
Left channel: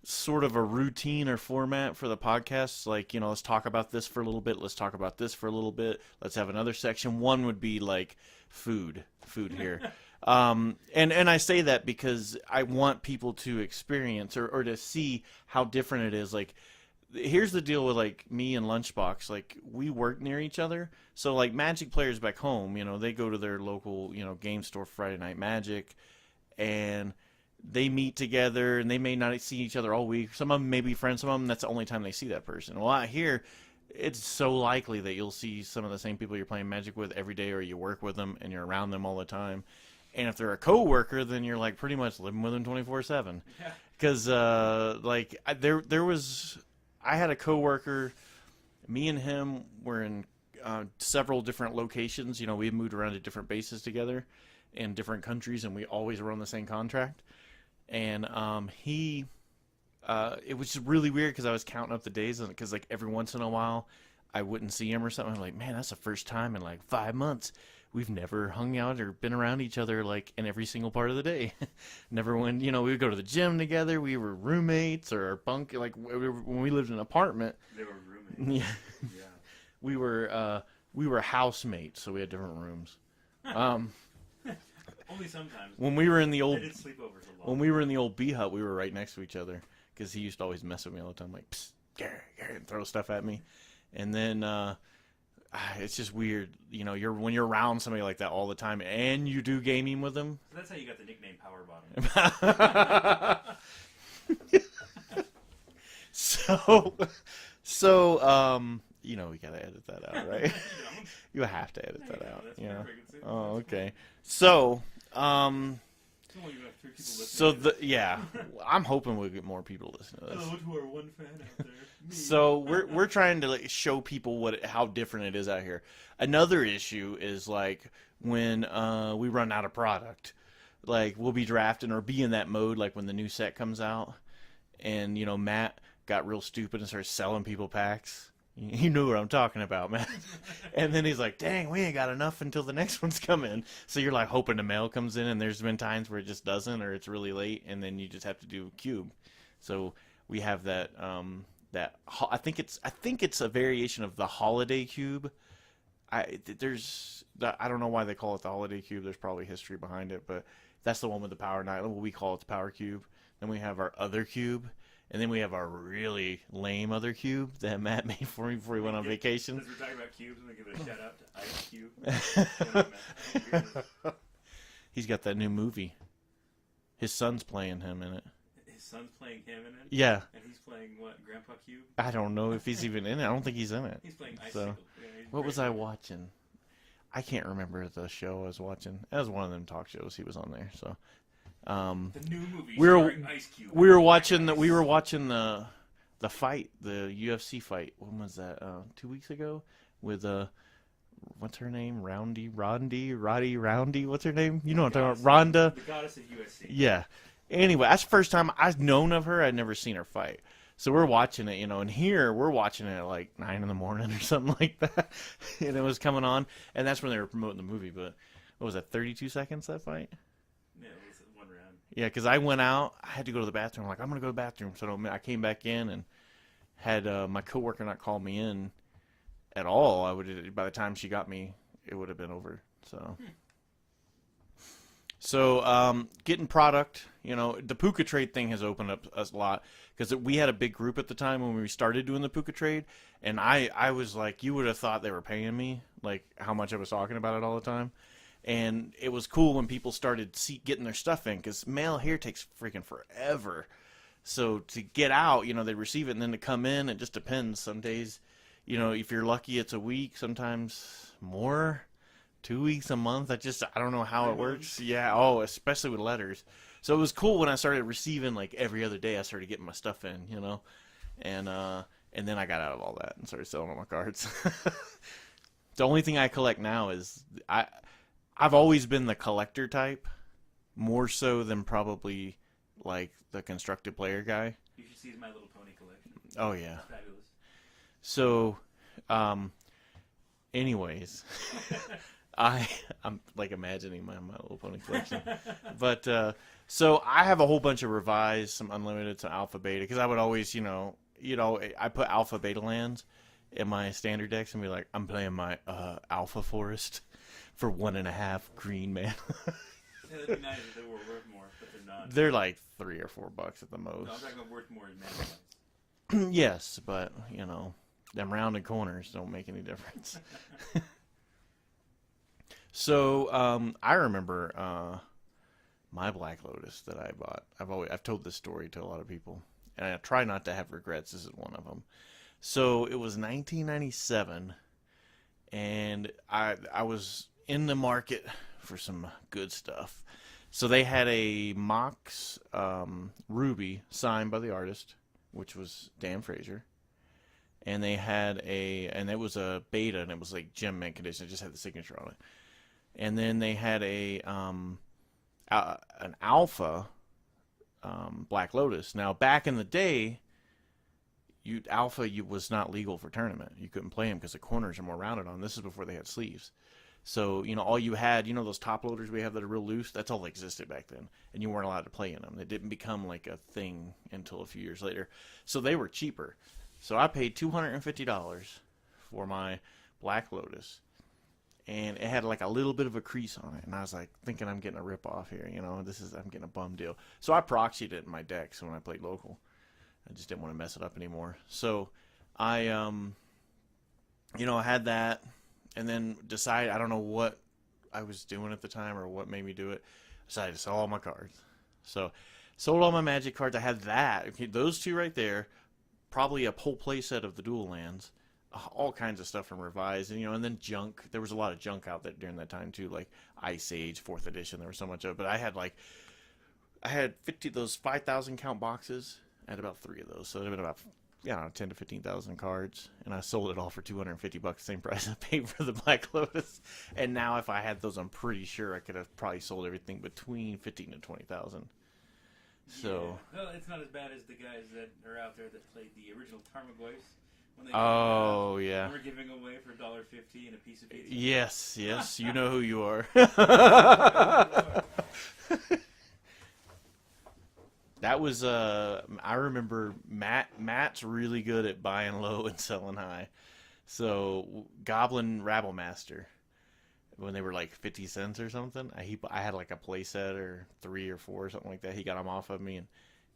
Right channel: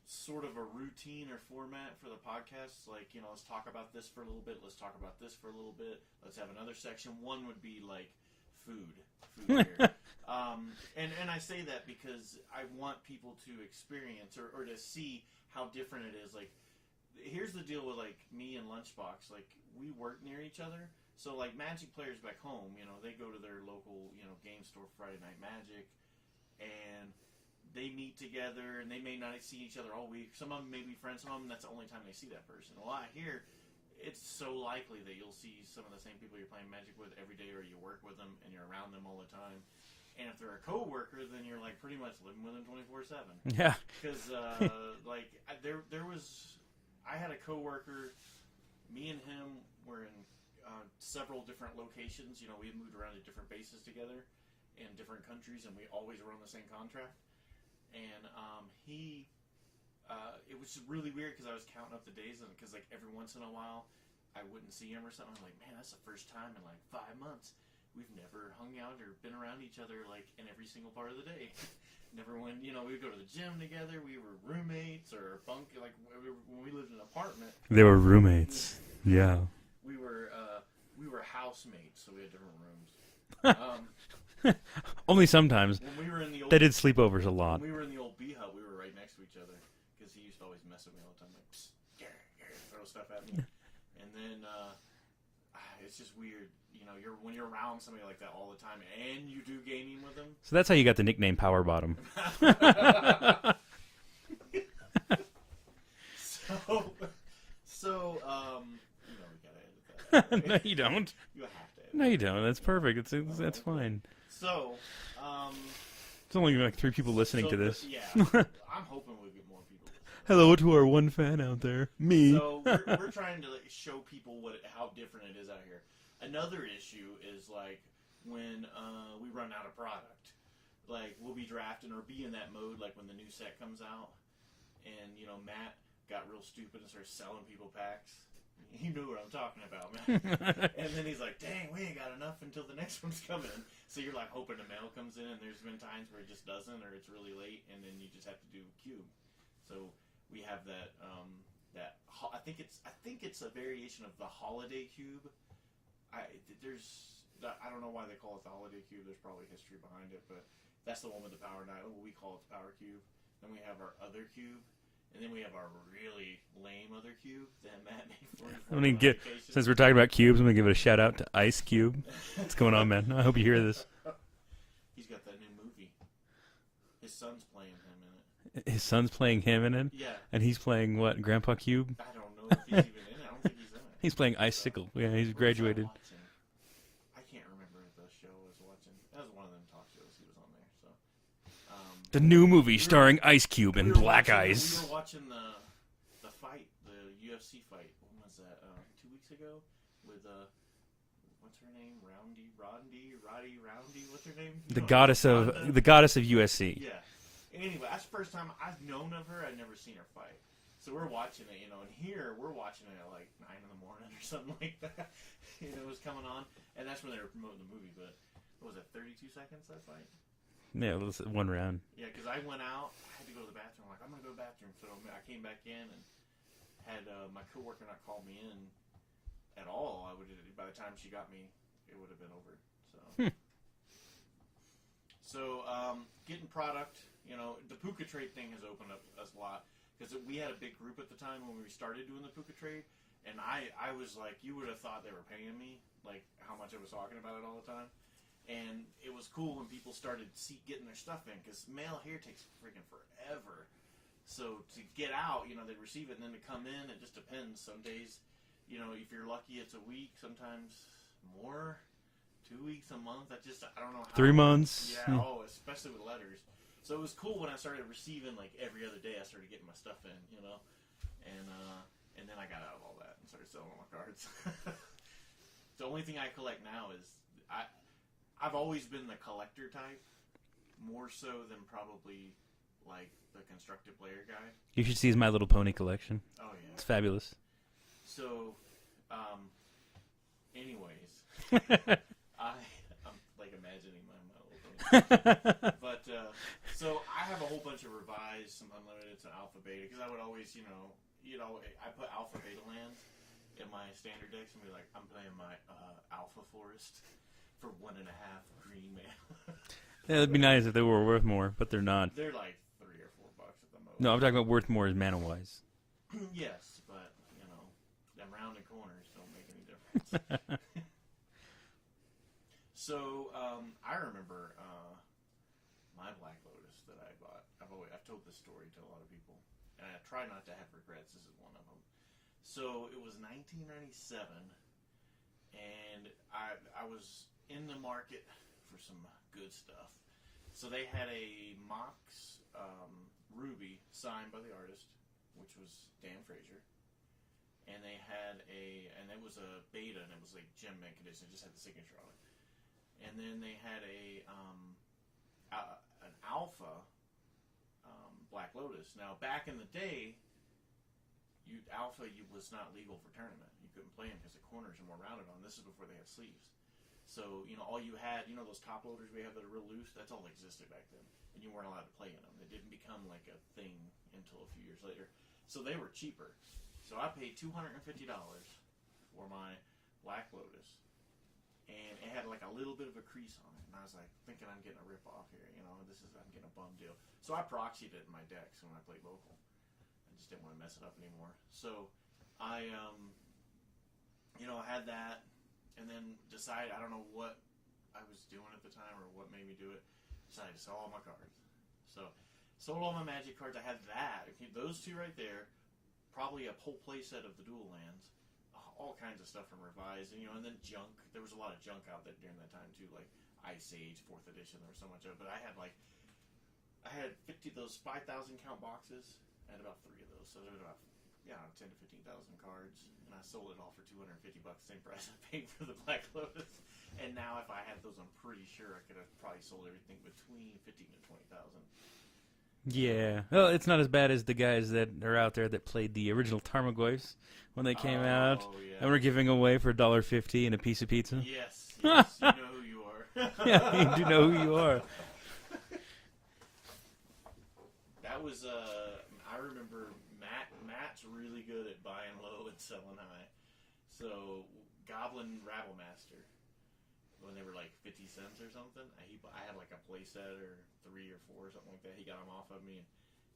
sort of a routine or format for the podcast. Like, let's talk about this for a little bit. Let's talk about this for a little bit. Let's have another section. One would be like food here. And I say that because I want people to experience or to see how different it is. Like, here's the deal with like me and Lunchbox. Like, we work near each other. So like Magic players back home, they go to their local, game store Friday Night Magic, and they meet together, and they may not see each other all week. Some of them may be friends. Some of them, that's the only time they see that person. Well, out here, it's so likely that you'll see some of the same people you're playing Magic with every day, or you work with them, and you're around them all the time. And if they're a coworker, then you're like pretty much living with them 24/7. Yeah. Because I had a coworker. Me and him were in several different locations. We moved around to different bases together in different countries, and we always were on the same contract. And it was just really weird because I was counting up the days, because like every once in a while I wouldn't see him or something. I'm like, man, that's the first time in like 5 months we've never hung out or been around each other like in every single part of the day. Never when we would go to the gym together. We were roommates or bunk, like when we lived in an apartment. They were roommates. Yeah. We were housemates, so we had different rooms. Only sometimes. When we were in the old, they did sleepovers a lot. When we were in the old bee hut, we were right next to each other because he used to always mess with me all the time, like psst, Gary, and throw stuff at me. And then it's just weird, when you're around somebody like that all the time, and you do gaming with them. So that's how you got the nickname Power Bottom. We gotta edit that out, right? No, you don't. You have to edit. No, you don't. That's perfect. That's okay. fine. So, it's only like 3 people listening to this. I'm hoping we'll get more people listening. Hello to our one fan out there, me. So we're trying to show people how different it is out here. Another issue is like when we run out of product. Like we'll be drafting or be in that mode like when the new set comes out, and Matt got real stupid and started selling people packs. You know what I'm talking about, man. And then he's like, dang, we ain't got enough until the next one's coming. So you're like hoping the mail comes in, and there's been times where it just doesn't, or it's really late, and then you just have to do a cube. So we have that. I think it's a variation of the holiday cube. I don't know why they call it the holiday cube. There's probably history behind it, but that's the one with the power night. We call it the power cube. Then we have our other cube. And then we have our really lame other cube that Matt made for me before we went on vacation. Since we're talking about cubes, I'm going to give it a shout out to Ice Cube. What's going on, man? I hope you hear this. He's got that new movie. His son's playing him in it. His son's playing him in it? Yeah. And he's playing what? Grandpa Cube? I don't know if he's even in it. I don't think he's in it. He's playing Icicle. So, yeah, he's what graduated. was I watching? I can't remember the show I was watching. That was one of them talk shows. He was on there, so... the new movie starring Ice Cube. We were watching the fight, the UFC fight. When was that? 2 weeks ago, with what's her name? Roddy. What's her name? You know, Ronda, the goddess of USC. Yeah. Anyway, that's the first time I've known of her. I'd never seen her fight. So we're watching it, and here we're watching it at like 9 in the morning or something like that, and it was coming on, and that's when they were promoting the movie. But what was that? 32 seconds that fight. Yeah, it was one round. Yeah, because I went out. I had to go to the bathroom. I'm like, I'm going to go to the bathroom. So I came back in and had my coworker not call me in at all. By the time she got me, it would have been over. So, getting product, the Puka trade thing has opened up us a lot because we had a big group at the time when we started doing the Puka trade. And I was like, you would have thought they were paying me, like how much I was talking about it all the time. And it was cool when people started getting their stuff in because mail here takes freaking forever. So to get out, they receive it, and then to come in, it just depends. Some days, if you're lucky, it's a week. Sometimes more, 2 weeks, a month. I don't know how 3 it months. Works. Yeah. Oh, especially with letters. So it was cool when I started receiving like every other day. I started getting my stuff in, and then I got out of all that and started selling all my cards. The only thing I collect now is I've always been the collector type, more so than probably like the constructed player guy. You should see his My Little Pony collection. Oh yeah, it's fabulous. So, anyways, I'm like imagining my Little Pony collection. But so I have a whole bunch of revised, some unlimited, some alpha beta, because I would always, I put alpha beta lands in my standard decks and be like, I'm playing my alpha forest for 1.5 green mana. Yeah, it'd be nice if they were worth more, but they're not. They're like $3 or $4 at the most. No, I'm talking about worth more as mana wise. Yes, but them rounded corners don't make any difference. So I remember my Black Lotus that I bought. I've told this story to a lot of people, and I try not to have regrets. This is one of them. So it was 1997, and I was in the market for some good stuff. So they had a Mox Ruby signed by the artist, which was Dan Fraser. And they had and it was a beta, and it was like gem mint condition. It just had the signature on it. And then they had an alpha Black Lotus. Now, back in the day, alpha was not legal for tournament. You couldn't play them because the corners are more rounded on. This is before they had sleeves. So, all you had, those top loaders we have that are real loose, that's all that existed back then. And you weren't allowed to play in them. They didn't become like a thing until a few years later. So they were cheaper. So I paid $250 for my Black Lotus. And it had like a little bit of a crease on it. And I was like, thinking I'm getting a rip-off here. I'm getting a bum deal. So I proxied it in my decks when I played local. I just didn't want to mess it up anymore. So I, I had that. And then decided, I don't know what I was doing at the time or what made me do it. Decided to sell all my cards. So sold all my Magic cards. I had that. Okay, those two right there. Probably a whole play set of the dual lands. All kinds of stuff from Revised. And then junk. There was a lot of junk out there during that time too. Like Ice Age, 4th edition. There was so much of it. But I had 50 those 5,000 count boxes. I had about 3 of those. So it would have been about 10 to 15,000 cards, and I sold it all for $250, same price I paid for the Black Lotus. And now, if I had those, I'm pretty sure I could have probably sold everything between 15 to 20,000. Yeah, well, it's not as bad as the guys that are out there that played the original Tarmogoyfs when they came out. Oh, yeah. And we're giving away for $1.50 and a piece of pizza. Yes, you know who you are. Yeah, you do know who you are. That was, I remember Matt's really good at buying low and selling high. So, Goblin Rabblemaster, when they were like 50 cents or something, I had like a play set or 3 or 4 or something like that. He got them off of me, and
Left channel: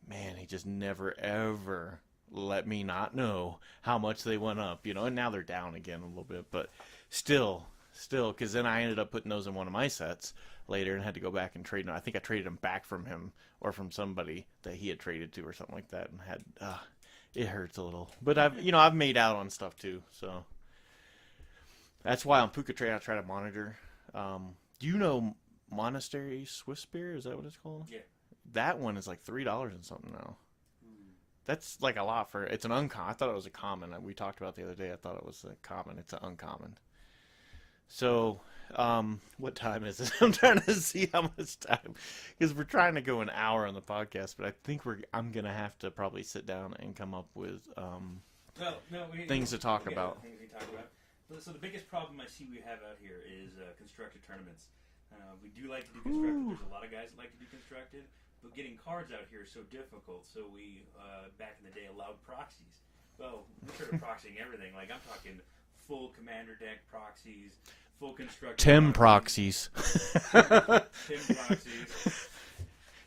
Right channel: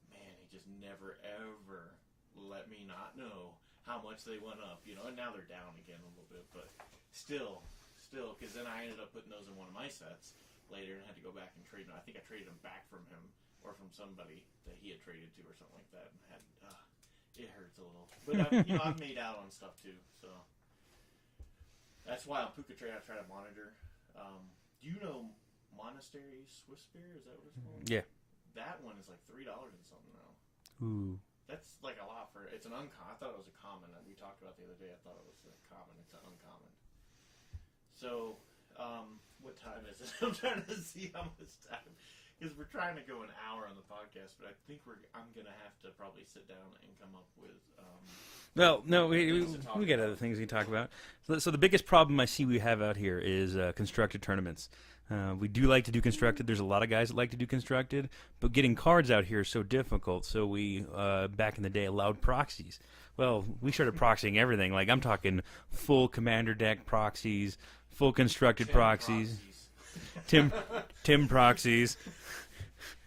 man, he just never, ever let me not know how much they went up, and now they're down again a little bit, but still, because then I ended up putting those in one of my sets later and had to go back and trade them. I think I traded them back from him or from somebody that he had traded to or something like that, and had, it hurts a little, but I've made out on stuff too, so that's why on Puka Trade I try to monitor. Do you know Monastery Swiss beer? Is that what it's called? Yeah. That one is like $3 and something now. Ooh. That's like a lot for it's an uncommon. I thought it was a common. We talked about the other day. I thought it was a common. It's an uncommon. So, what time is it? I'm trying to see how much time because we're trying to go an hour on the podcast, but I think I'm gonna have to probably sit down and come up with things to talk we got about. other things we can talk about. So the biggest problem I see we have out here is constructed tournaments. We do like to do constructed. There's a lot of guys that like to do constructed, but getting cards out here is so difficult. So we, back in the day, allowed proxies. Well, we started proxying everything. Like, I'm talking full commander deck proxies, full constructed Tim proxies. Tim proxies.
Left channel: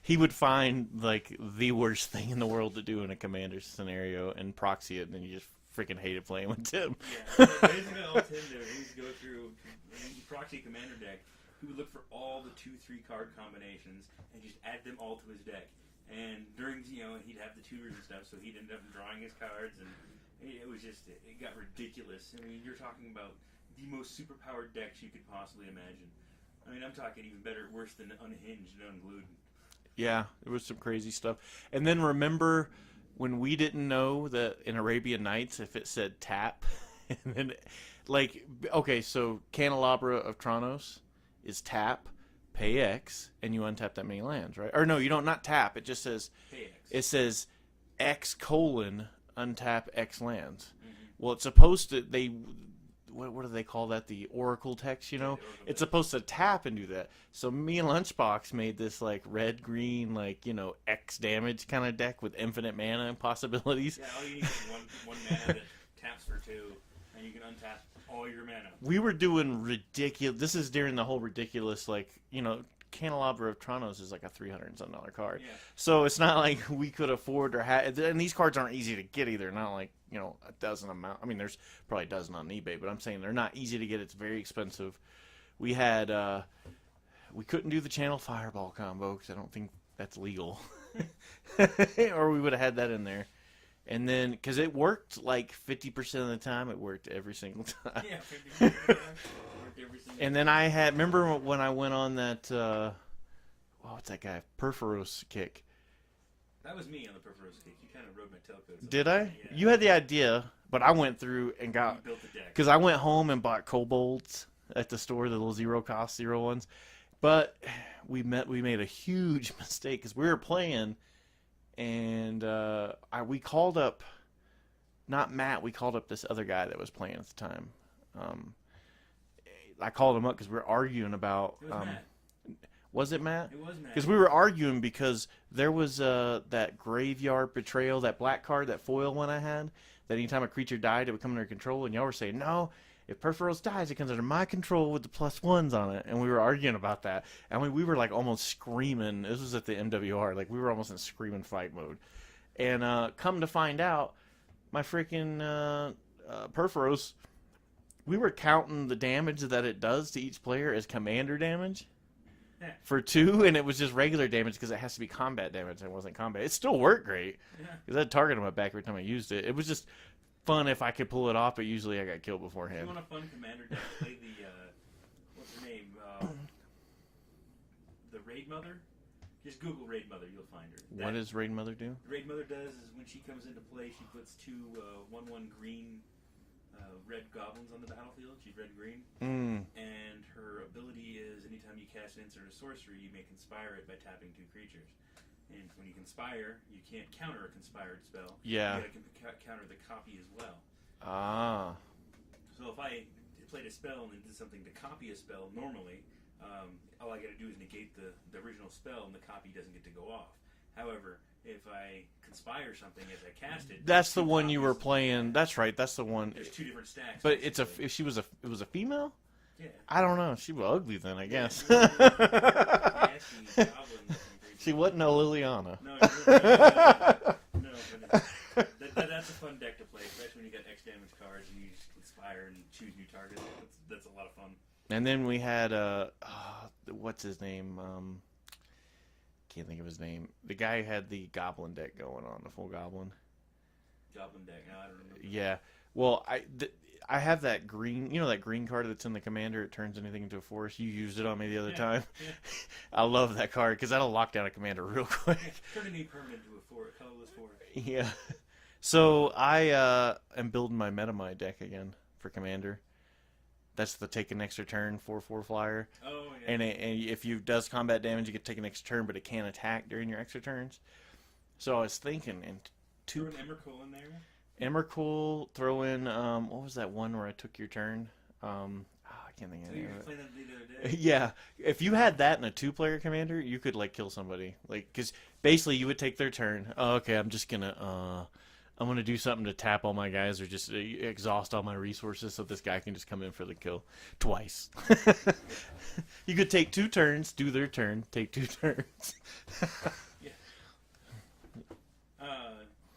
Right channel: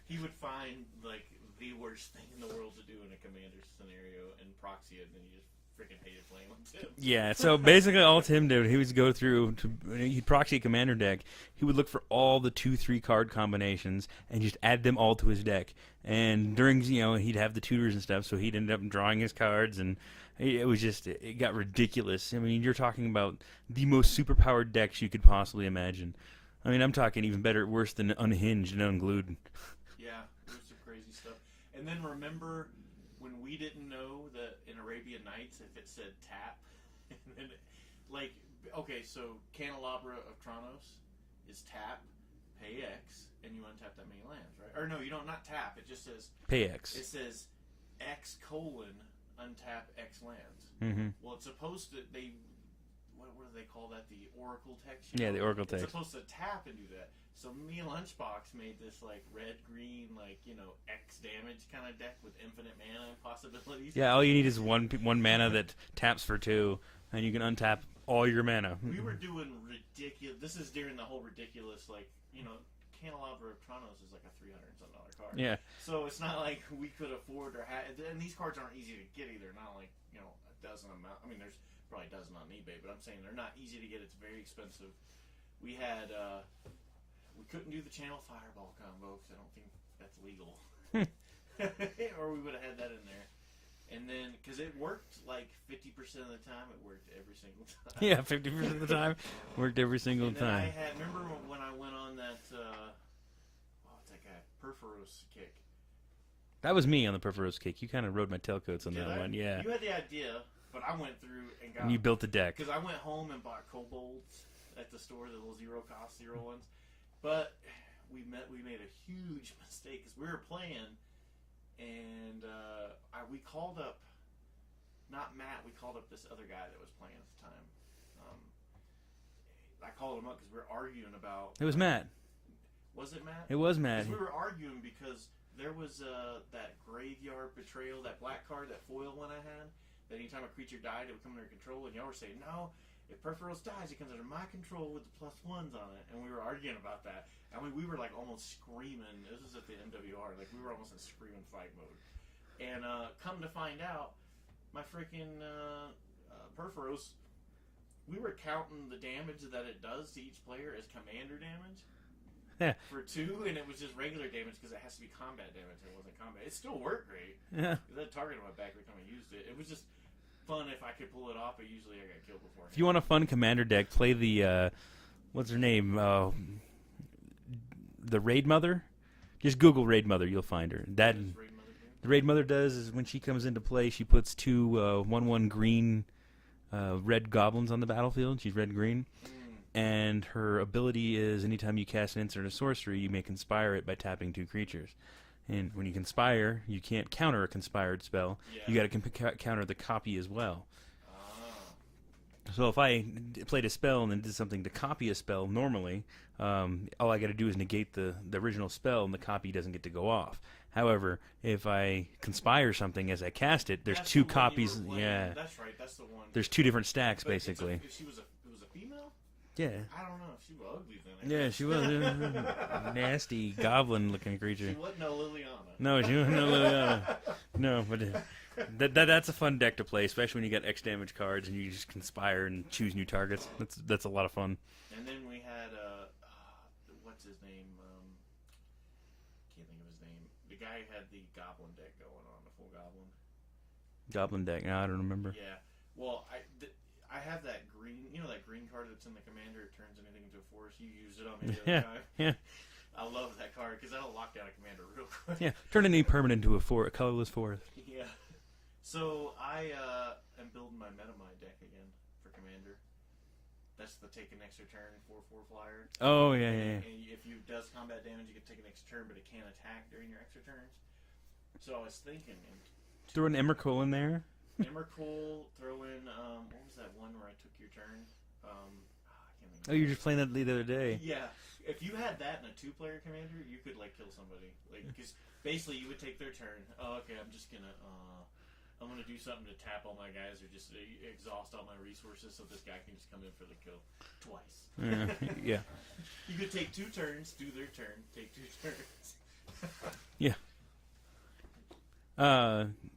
He would find, like, the worst thing in the world to do in a commander scenario and proxy it, and then you just freaking hated playing with Tim. Yeah, so basically all Tim did, he would go through, he'd proxy a commander deck. He would look for all the 2-3 card combinations and just add them all to his deck. And during, he'd have the tutors and stuff, so he'd end up drawing his cards, and it was just, it got ridiculous. I mean, you're talking about the most superpowered decks you could possibly imagine. I mean, I'm talking even better, worse than Unhinged and Unglued. Yeah, it was some crazy stuff. And then remember when we didn't know that in Arabian Nights if it said tap, and then, okay, so Candelabra of Tronos is tap, pay X, and you untap that many lands, right? Or no, you don't, not tap. It just says Pay X. It says X : untap X lands. Mm-hmm. Well, it's supposed to, what do they call that? The Oracle text, Yeah, the Oracle text. It's supposed to tap and do that. So me and Lunchbox made this red, green, X damage kind of deck with infinite mana and possibilities. Yeah, all you need is one mana that taps for 2, and you can untap all your mana. We were doing ridiculous. This is during the whole ridiculous, Candelabra of Tronos is like a $300-something card. Yeah. So it's not like we could afford or have, and these cards aren't easy to get either. Not like, a dozen amount. I mean, there's probably a dozen on eBay, but I'm saying they're not easy to get. It's very expensive. We had, we couldn't do the Channel Fireball combo because I don't think that's legal. Or we would have had that in there. And then, because it worked 50% of the time, it worked every single time. Yeah, 50% of the time, worked every single time. And then I had, remember when I went on that, what's that guy? Perforos kick. That was me on the Perforos kick. You kind of rode my tailcoats on Did that I? one. Yeah. You had the idea, but I went through and got... You built the deck. Because I went home and bought kobolds at the store, the little zero-cost ones. But we made a huge mistake because we were playing... And we called up, not Matt, we called up this other guy that was playing at the time. I called him up because we were arguing about... It was Matt. Was it Matt? It was Matt. Because we were arguing because there was that Graveyard Betrayal, that black card, that foil one I had, that anytime a creature died, it would come under control. And y'all were saying, no, if Perforos dies, it comes under my control with the +1s on it. And we were arguing about that. And we were almost screaming. This was at the MWR. We were almost in screaming fight mode. And come to find out, my freaking Perforos, we were counting the damage that it does to each player as commander damage. Yeah. For 2, and it was just regular damage because it has to be combat damage. And it wasn't combat. It still worked great. Yeah. Because I had target on my back every time I used it. It was just fun if I could pull it off, but usually I got killed beforehand. If you want a fun commander deck, play the what's her name? The Raid Mother. Just Google Raid Mother, you'll find her. What does Raid Mother do? The Raid Mother does is when she comes into play, she puts 2 1/1 green red goblins on the battlefield. She's red-green. And her ability is anytime you cast an instant or sorcery, you may conspire it by tapping 2 creatures. And when you conspire, you can't counter a conspired spell. Yeah. You got to counter the copy as well. Ah. So if I played a spell and then did something to copy a spell normally, all I got to do is negate the original spell, and the copy doesn't get to go off. However, if I conspire something as I cast it, there's That's two the one copies. you were playing. Yeah. That's right. That's the one. There's 2 different stacks, But basically. if it was a female. Yeah. I don't know. She was ugly then, I guess. She was a nasty goblin-looking creature. She wasn't a Liliana. No, no, but that's a fun deck to play, especially when you got X damage cards and you just conspire and choose new targets. That's a lot of fun. And then we had what's his name? Can't think of his name. The guy who had the goblin deck going on, the full Goblin deck. No, I don't remember. Yeah. Well, I have that green, that green card that's in the commander. It turns anything into a force. You used it on me the other time. Yeah. I love that card because that'll lock down a commander real quick. Yeah. Turn any permanent into a colorless forest. Yeah. So I am building my Metamai deck again for commander. That's the take an extra turn 4/4 flyer. Oh yeah. And, yeah. and if you does combat damage, you get to take an extra turn, but it can't attack during your extra turns. So I was thinking, and throw an Emrakul in there. Emrakul, throw in what was that one where I took your turn? I can't think of it. Oh, you were just playing that the other day. Yeah. If you had that in a 2-player commander, you could kill somebody. Because basically you would take their turn. Oh, okay, I'm gonna do something to tap all my guys or just exhaust all my resources so this guy can just come in for the kill twice. Yeah. You could take 2 turns, do their turn, take 2 turns. Yeah.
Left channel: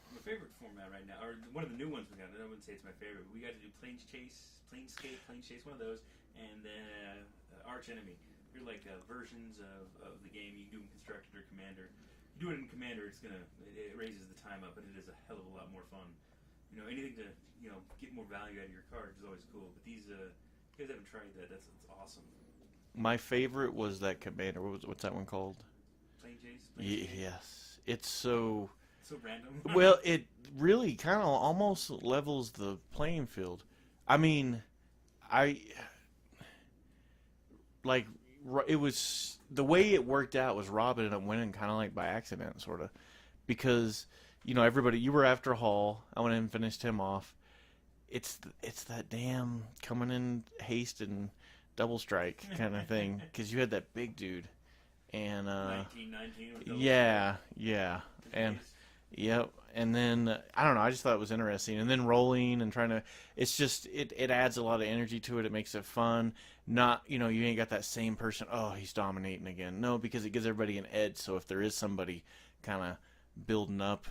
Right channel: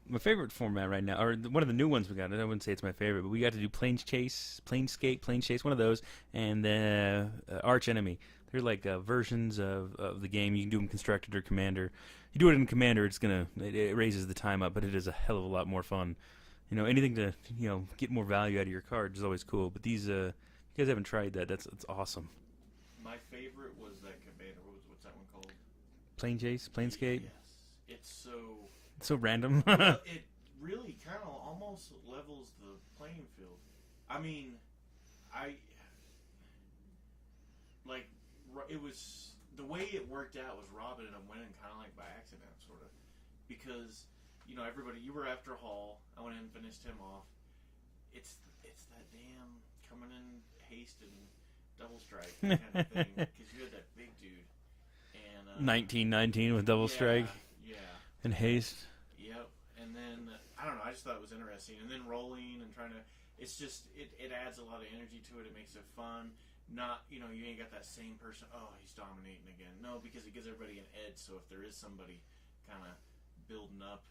My favorite format right now, or one of the new ones we got, I wouldn't say it's my favorite, but we got to do Plane Chase, one of those, and Arch Enemy. They're like versions of the game. You can do them constructed or commander. You do it in commander, it raises the time up, but it is a hell of a lot more fun. Anything to get more value out of your cards is always cool. But these, if you guys haven't tried that, that's awesome. My favorite was that commander. What's that one called? Plane Chase, Planescape. Yes, it's so random. Well, it really kind of almost levels the playing field. I mean, it was the way it worked out was Rob ended up winning kind of by accident, sort of, because everybody, you were after Hall. I went in and finished him off. It's that damn coming in haste and double strike kind of thing because you had that big dude and 1919 with double strike. strike. Yeah, and haste. Yep. And then I don't know. I just thought it was interesting. And then rolling and trying to. It's just it adds a lot of energy to it. It makes it fun. Not you ain't got that same person. Oh, he's dominating again. No, because it gives everybody an edge. So if there is somebody kind of building up,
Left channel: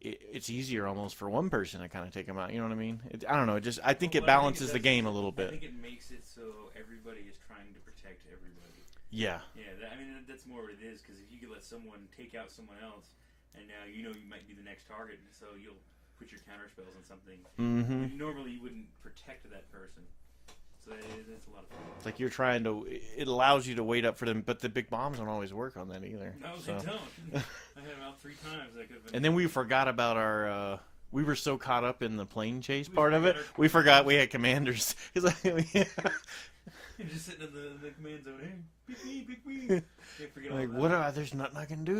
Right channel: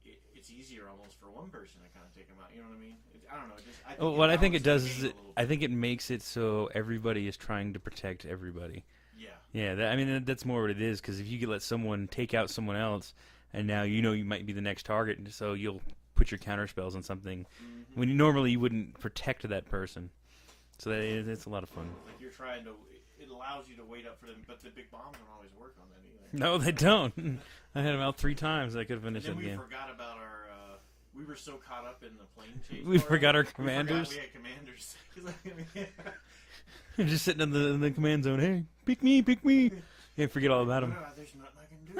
it's easier almost for one person to kind of take them out. You know what I mean? I don't know. I think it balances the game a little bit. I think it makes it so everybody is trying to protect everybody. Yeah. Yeah. That's more what it is. Because if you could let someone take out someone else. And now you might be the next target, so you'll put your counter spells on something when normally you wouldn't protect that person. So it's a lot of fun. It's like you're trying to. It allows you to wait up for them, but the big bombs don't always work on that either. No, they don't. I had them out 3 times. I could have been. And then we forgot about our. We were so caught up in the plane chase we part of forgot it. our We forgot we had commanders. You're just sitting in the command zone. Hey, pick me. You forget all about it. There's nothing I can do.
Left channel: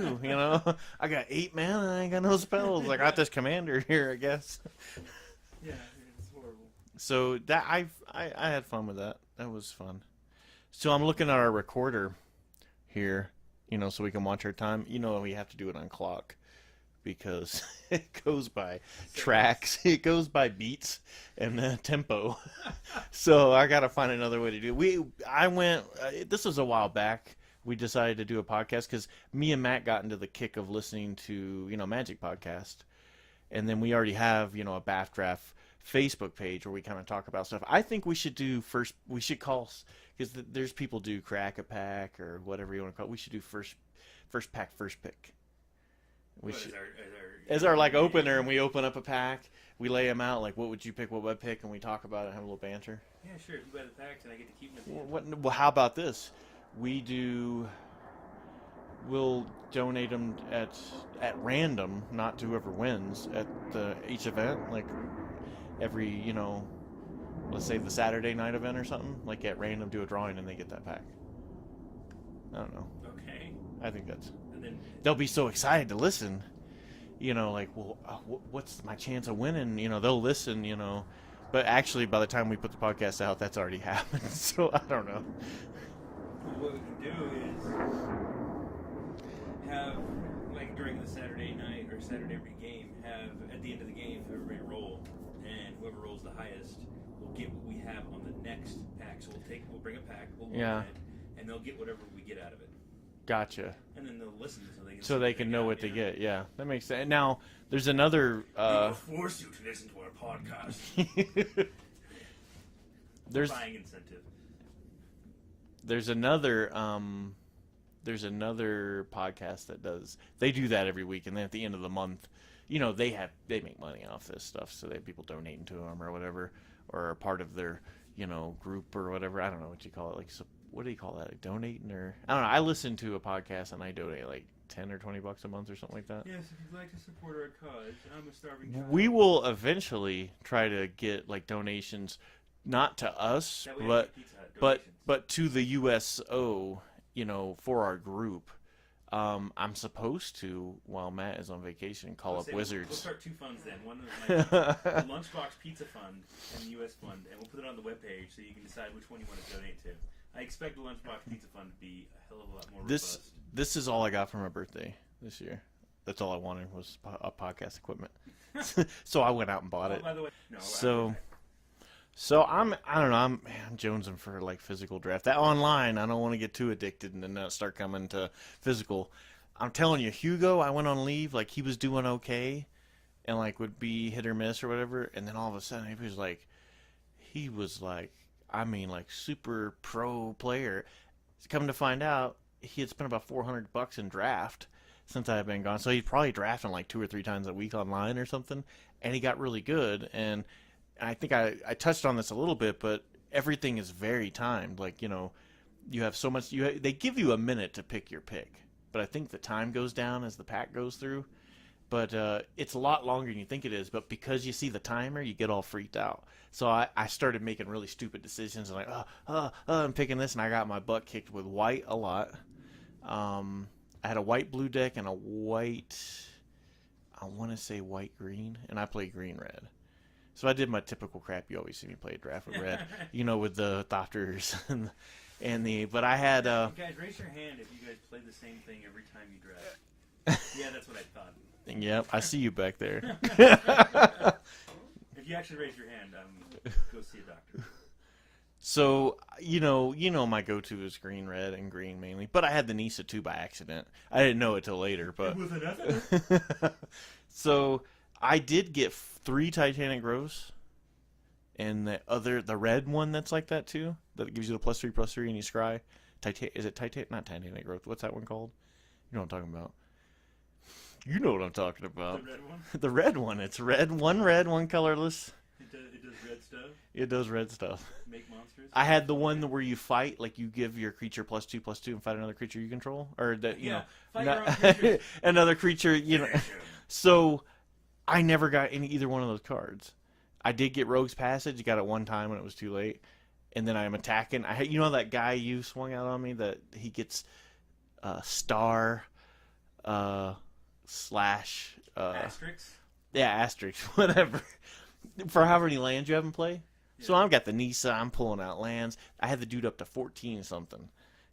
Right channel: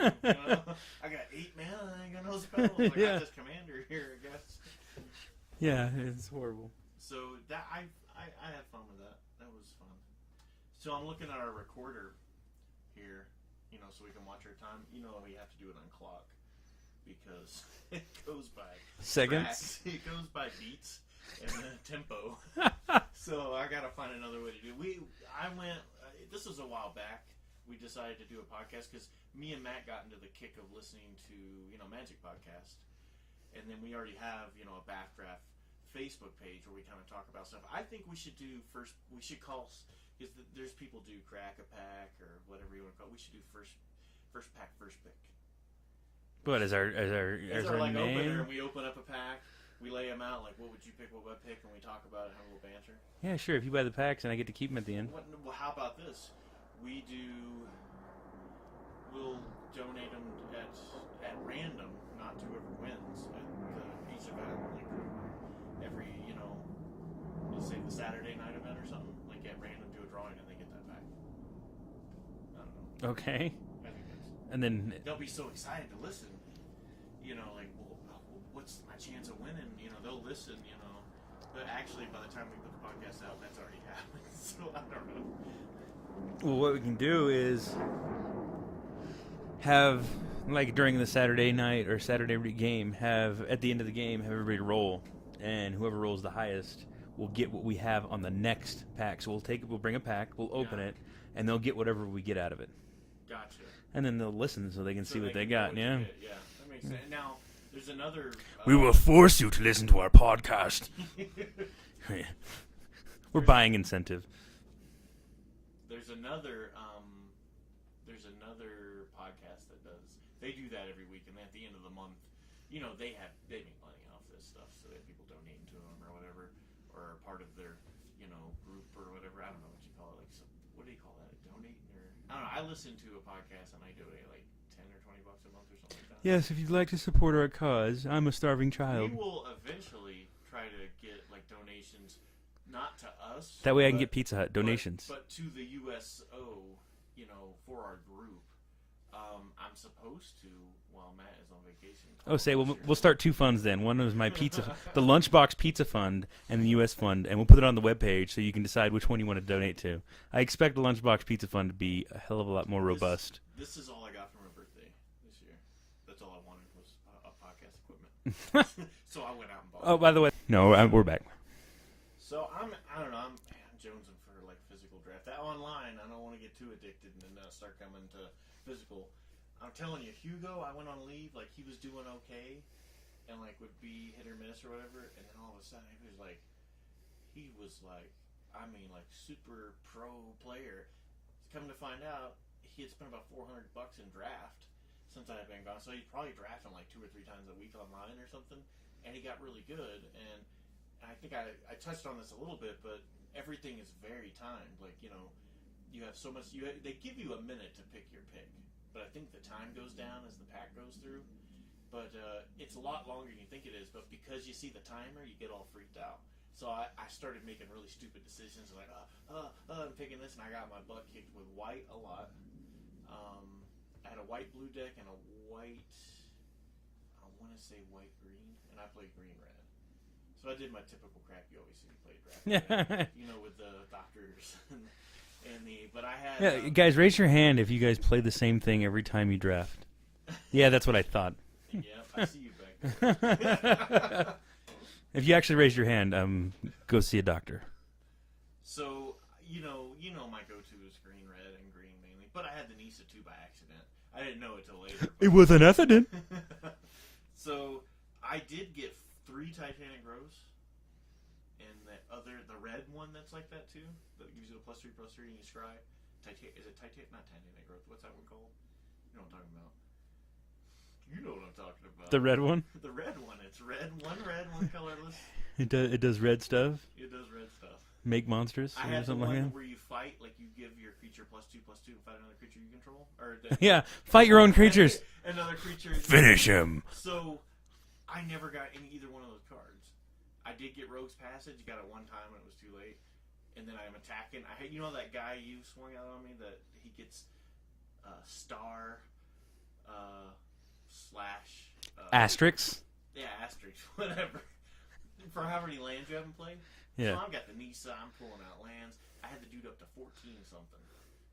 I got 8 mana and I ain't got no spells. I got this commander here, I guess. Yeah, it's horrible. So that I had fun with that. That was fun. So I'm looking at our recorder here, so we can watch our time. We have to do it on clock because it goes by tracks. It goes by beats and tempo. So I got to find another way to do it. This was a while back. We decided to do a podcast because me and Matt got into the kick of listening to, Magic Podcast. And then we already have, a BAFDraft Facebook page where we kind of talk about stuff. I think we should call, because there's people do crack a pack or whatever you want to call it. We should do first pack, first pick. As our opener, and we open up a pack. We lay them out, what would you pick, what would I pick, and we talk about it and have a little banter. Yeah, sure. If you buy the packs and I get to keep them at the end. Well, how about this? We'll donate them at random, not to whoever wins at each event, every, let's say the Saturday night event or something, at random do a drawing and they get that pack. I don't know. Okay. I think and then they'll be so excited to listen, like, well, what's my chance of winning? They'll listen, but actually by the time we put the podcast out, that's already happened. So I don't know. Well, what we can do is have, like, during the Saturday night or Saturday game, have at the end of the game have everybody roll, and whoever rolls the highest will get what we have on the next pack. So we'll bring a pack, we'll open it, and they'll get whatever we get out of it. Gotcha. And then they'll listen so they can see so what they can know got. what to get. Yeah, that makes sense. Now there's another. We will force you to listen to our podcast. We're buying incentive. There's another podcast that they do that every week, and then at the end of the month, they make money off this stuff, so they have people donating to them or whatever, or are part of their group or whatever. I don't know what you call it. Like, what do you call that? Like donating, or I don't know. I listen to a podcast and I donate like $10 or $20 a month or something like that. Yes, if you'd like to support our cause, I'm a starving child. We will eventually try to get like donations, not to us. That way I can get Pizza Hut donations. But to the USO, for our group. I'm supposed to, while Matt is on vacation, call up Wizards. We'll start two funds then. One is my pizza, the Lunchbox Pizza Fund, and the U.S. Fund, and we'll put it on the webpage so you can decide which one you want to donate to. I expect the Lunchbox Pizza Fund to be a hell of a lot more robust. This is all I got for my birthday this year. That's all I wanted was a podcast equipment. So I went out and bought it. Oh, by the way, we're back. So I don't know. I'm jonesing for like physical draft. That online, I don't want to get too addicted and then start coming to physical. I'm telling you, Hugo, I went on leave. Like, he was doing okay, and like would be hit or miss or whatever. And then all of a sudden, he was like, I mean, like super pro player. Come to find out, he had spent about $400 in draft since I had been gone. So he's probably drafting like 2 or 3 times a week online or something. And he got really good. And I think I touched on this a little bit, but everything is very timed. Like, you have so much. They give you a minute to pick your pick, but I think the time goes down as the pack goes through. But it's a lot longer than you think it is. But because you see the timer, you get all freaked out. So I started making really stupid decisions. And like, I'm picking this, and I got my butt kicked with white a lot. I had a white-blue deck and a white, I want to say white-green, and I played green-red. So I did my typical crap. You always see me play draft with red, with the Thopters and the. But I had guys, raise your hand if you guys play the same thing every time you draft. Yeah, that's what I thought. Yep, I see you back there. If you actually raise your hand, go see a doctor. So my go-to is green, red, and green mainly. But I had the Nisa too by accident. I didn't know it till later. But it was an accident. So I did get 3 Titanic Grows, and the red one that's like that too, that gives you the +3/+3 and you scry. Is it Titanic? Not Titanic Growth. What's that one called? You know what I'm talking about. You know what I'm talking about. The red one? The red one. It's red, one colorless. It does red stuff? It does red stuff. Make monsters? I had the one where you fight, like you give your creature +2/+2 and fight another creature you control. Or fight your own creatures. Another creature. Finish him. So I never got either one of those cards. I did get Rogue's Passage. Got it one time when it was too late. And then I'm attacking. That guy you swung out on me that he gets star slash Asterix? Yeah, Asterix. Whatever. For however many lands you haven't played. Yeah. So I've got the Nisa. I'm pulling out lands. I had the dude up to 14 something.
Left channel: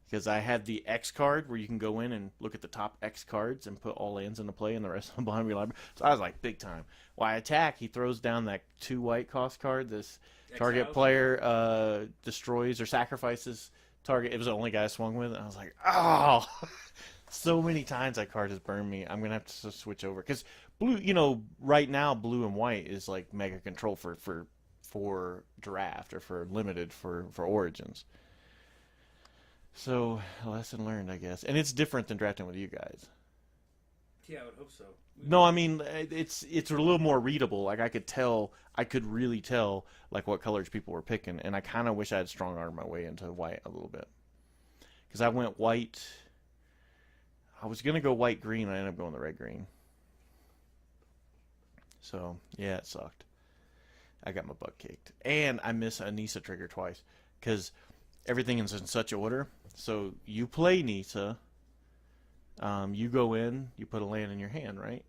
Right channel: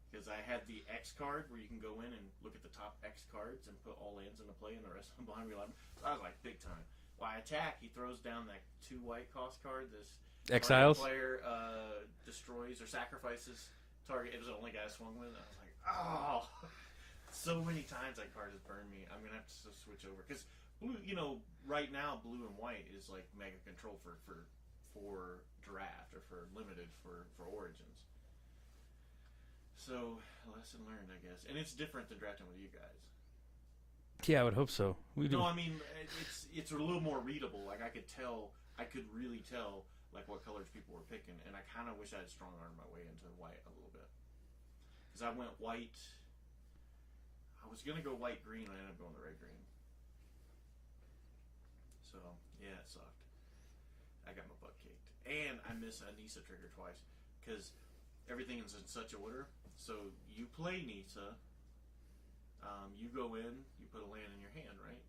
Because I had the X card where you can go in and look at the top X cards and put all lands into play and the rest of them behind your library. So I was like, big time. While I attack, he throws down that 2 white cost card. This target player destroys or sacrifices target. It was the only guy I swung with. And I was like, oh. So many times that card has burned me. I'm going to have to switch over. Because blue, right now, blue and white is like mega control for draft or for limited for Origins. So, lesson learned, I guess. And it's different than drafting with you guys. Yeah, I would hope so. No, I mean, it's a little more readable. Like, I could really tell, like, what colors people were picking. And I kind of wish I had strong-armed my way into white a little bit. Because I went white. I was going to go white-green. I ended up going the red-green. So, yeah, it sucked. I got my butt kicked. And I missed a Nisa trigger twice. Because everything is in such order. So you play Nisa, you go in, you put a land in your hand, right?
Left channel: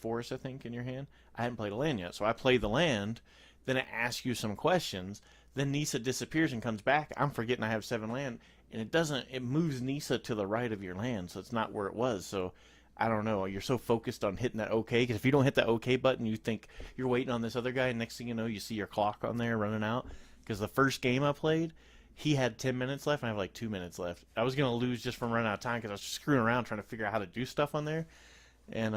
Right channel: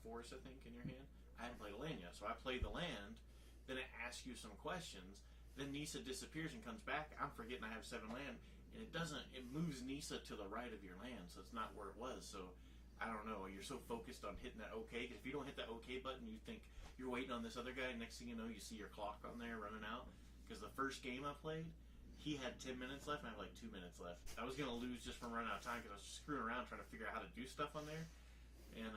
forest, I think, in your hand. I hadn't played a land yet, so I play the land. Then it asks you some questions. Then Nisa disappears and comes back. I'm forgetting I have 7 land, and it moves Nisa to the right of your land, so it's not where it was. So I don't know. You're so focused on hitting that OK, because if you don't hit that OK button, you think you're waiting on this other guy, and next thing you know, you see your clock on there running out. Because the first game I played, he had 10 minutes left, and I have like 2 minutes left. I was going to lose just from running out of time because I was just screwing around trying to figure out how to do stuff on there. And,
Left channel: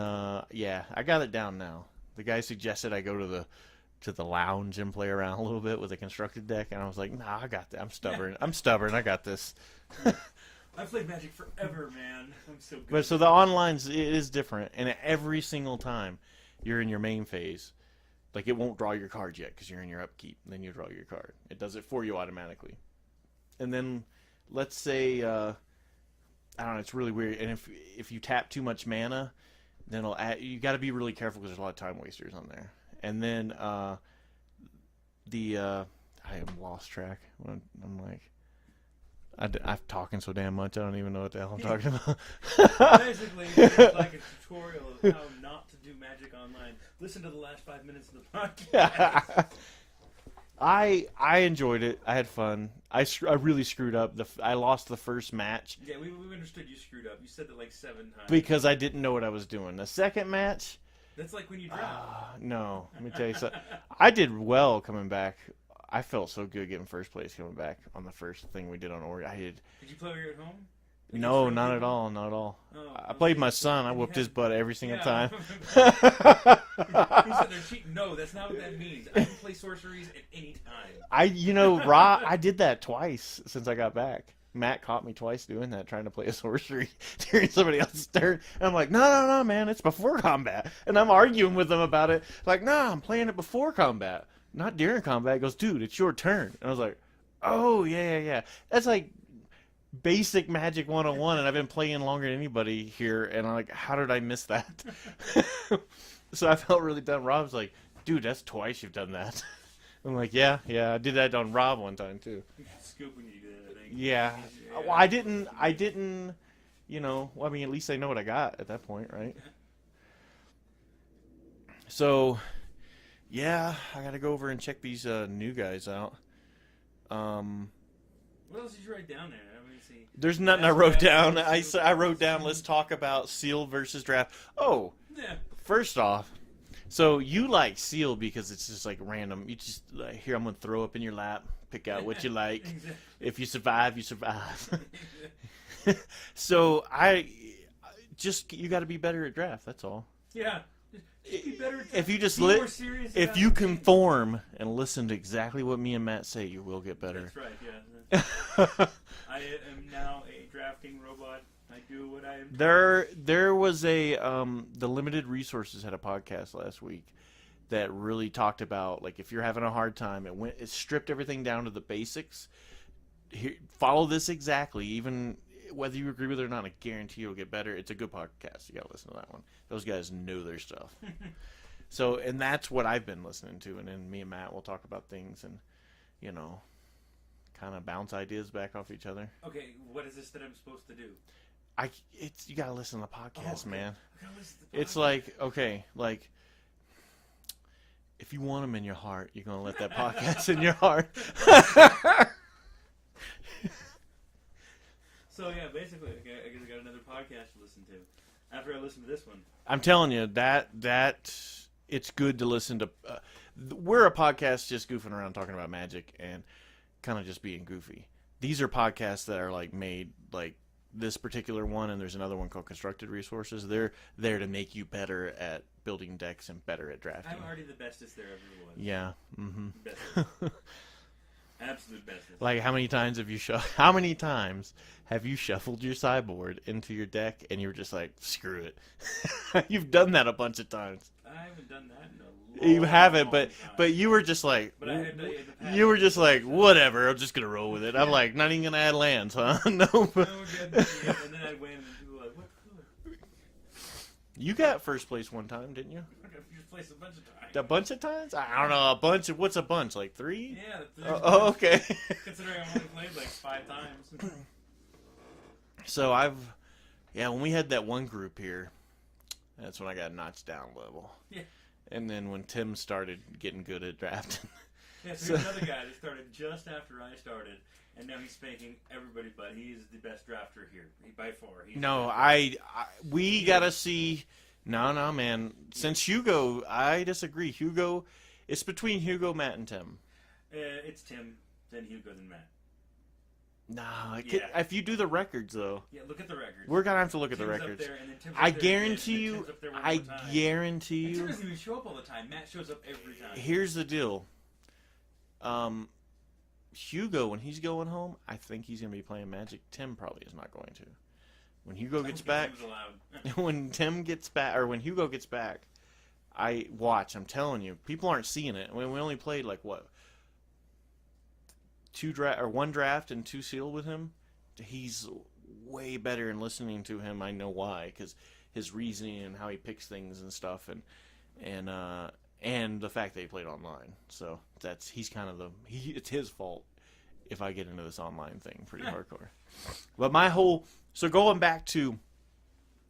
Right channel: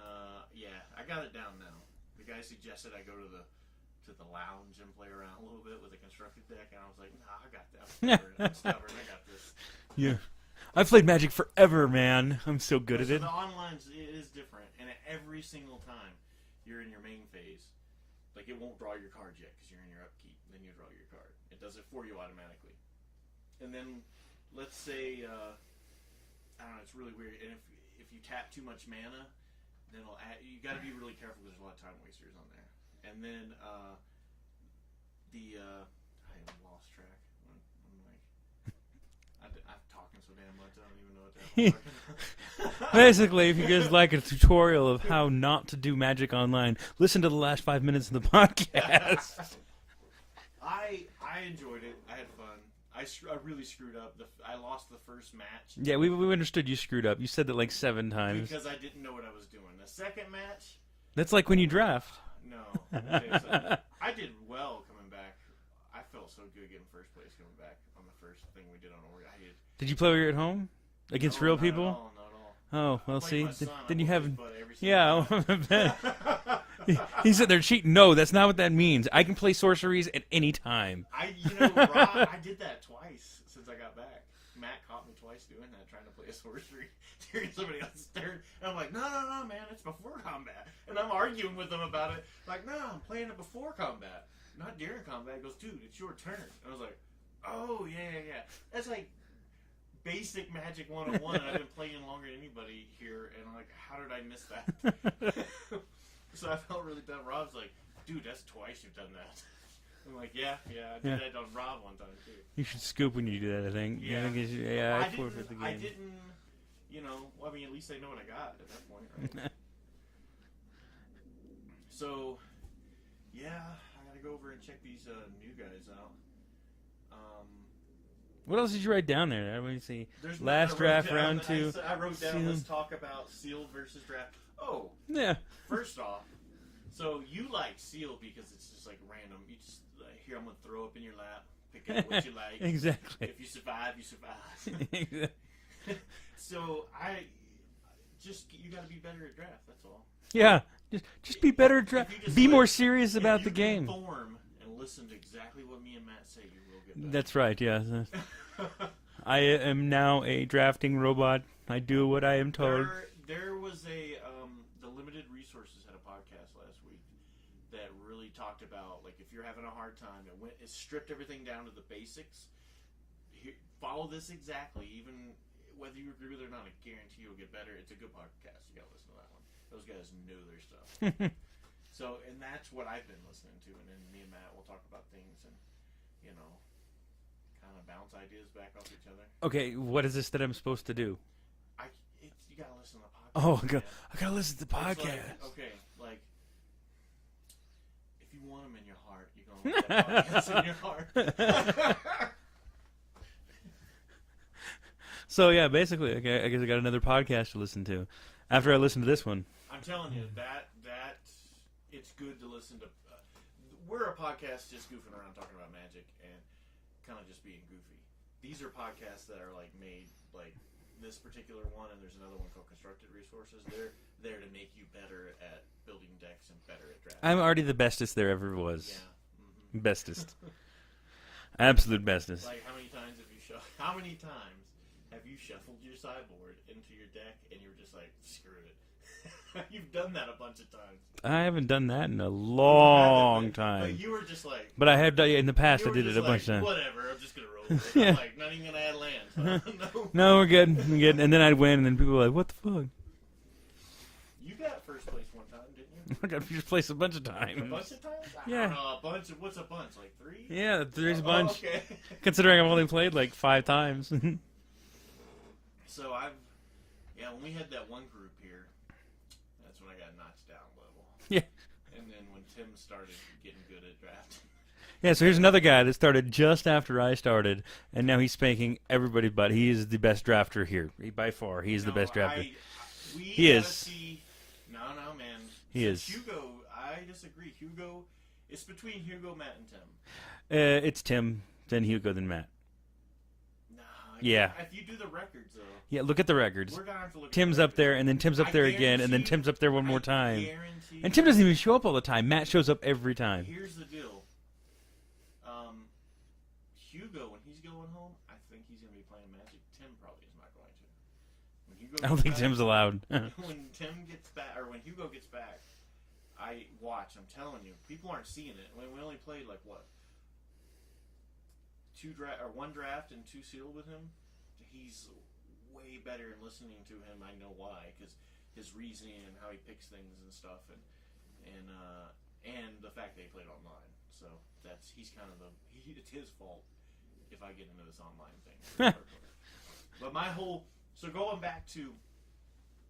yeah, I got it down now. The guy suggested I go to the lounge and play around a little bit with a constructed deck, and I was like, nah, I got that. I'm stubborn. I'm stubborn. I got this. Yeah. I've played Magic forever, man. I'm so good at So it. the online's, it is different, and every single time you're in your main phase, like, it won't draw your card yet because you're in your upkeep, and then you draw your card. It does it for you automatically. And then, let's say, I don't know, it's really weird, and if you tap too much mana, then you got to be really careful because there's a lot of time wasters on there. And then I am lost track. I'm like, I'm talking so damn much I don't even know what the hell I'm talking about. Basically, if you guys like a tutorial of how not to do Magic online, listen to the last 5 minutes of the podcast. I enjoyed it. I had fun. I really screwed up. I lost the first match. Yeah, we understood you screwed up. You said that like 7 times. Because I didn't know what I was doing. The second match... That's like when you draft. No, let me tell you something. I did well coming back. I felt so good getting first place coming back on the first thing we did on Oregon. Did you play when you were at home? Against no, real not people? at all. Not at all. Oh, I played my son. I whooped his butt every single time. He's sitting there cheating. No, that's not what that means. I can play sorceries at any time. I did that twice since I got back. Matt caught me twice doing that, trying to play a sorcery during somebody else's turn. And I'm like, no, man, it's before combat. And I'm arguing with him about it. Like, no, I'm playing it before combat, not during combat. He goes, dude, it's your turn. And I was like, oh, yeah. That's like basic Magic 101, and I've been playing longer than anybody here. And I'm like, how did I miss that? So I felt really dumb. Rob's like, dude, that's twice you've done that. I'm like, yeah, I did that on Rob one time too. You should scoop when you do that, I think. Yeah. Well, I didn't, I mean, at least I know what I got at that point, right? So, yeah, I got to go over and check these new guys out. What else did you write down there? Let me see. There's nothing I wrote down. I wrote down, let's talk about sealed versus draft. Oh, yeah. First off, so you like sealed because it's just like random. You just here, I'm gonna throw up in your lap, pick out what you like. Exactly. If you survive, you survive. So you got to be better at draft. That's all. Yeah. Just be better at draft. If you just be more serious about the game. If you conform and listen to exactly what me and Matt say, you will get better. That's right. Yeah. I am now a drafting robot. I do what I am told. There was the Limited Resources had a podcast last week that really talked about, like, if you're having a hard time, it stripped everything down to the basics. Follow this exactly, even whether you agree with it or not. I guarantee you'll get better. It's a good podcast. You gotta listen to that one. Those guys know their stuff. So, and that's what I've been listening to. And then me and Matt will talk about things and, kind of bounce ideas back off each other. Okay, what is this that I'm supposed to do? You gotta listen to the podcast, man. I gotta listen to the podcast. It's like, okay, like, if you want them in your heart, you're gonna let that podcast in your heart. So yeah, basically, okay, I guess I got another podcast to listen to after I listen to this one. I'm telling you that it's good to listen to. We're a podcast just goofing around talking about Magic and kind of just being goofy. These are podcasts that are like made like this particular one, and there's another one called Constructed Resources. They're there to make you better at building decks and better at drafting. I'm already the bestest there ever was. Yeah, mm-hmm. Bestest, absolute bestest. Like, how many times have you shuffled your sideboard into your deck and you're just like, screw it? You've done that a bunch of times. I haven't done that in a long time. But you were just like... But I have done it in the past. You were just like, whatever, I'm just going to roll with it. I'm like, not even going to add lands, huh? No, we're good. And then I'd win, and then people were like, what the fuck? You got first place one time, didn't you? I got first place a bunch of times. A bunch of times? I don't know, a bunch. What's a bunch? Like 3? Yeah, 3's a bunch. Oh, okay. Considering I've only played like 5 times. So when we had that one group here, That's when I got notched down a level. Yeah. And then when Tim started getting good at drafting. Yeah, so here's another guy that started just after I started, and now he's spanking everybody, but he is the best drafter here. By far, he's the best drafter. We got to see... No, man. Since Hugo, I disagree. Hugo, it's between Hugo, Matt, and Tim. It's Tim, then Hugo, then Matt. No, yeah. If you do the records, though. Yeah, look at the records. We're going to have to look at Tim's the records. up there, and then Tim's up there again, and then Tim's up there one more time. I guarantee you. And Tim doesn't even show up all the time. Matt shows up every time. Here's the deal. Hugo, when he's going home, I think he's going to be playing Magic. Tim probably is not going to. When Hugo gets I don't think back, Tim's allowed. when Tim gets back, or when Hugo gets back, I'm telling you, people aren't seeing it. We only played like what, one draft and 2 sealed with him. He's way better in listening to him. I know why, because his reasoning and how he picks things and stuff, and the fact that he played online. So he's kind of it's his fault if I get into this online thing pretty hardcore. But so going back to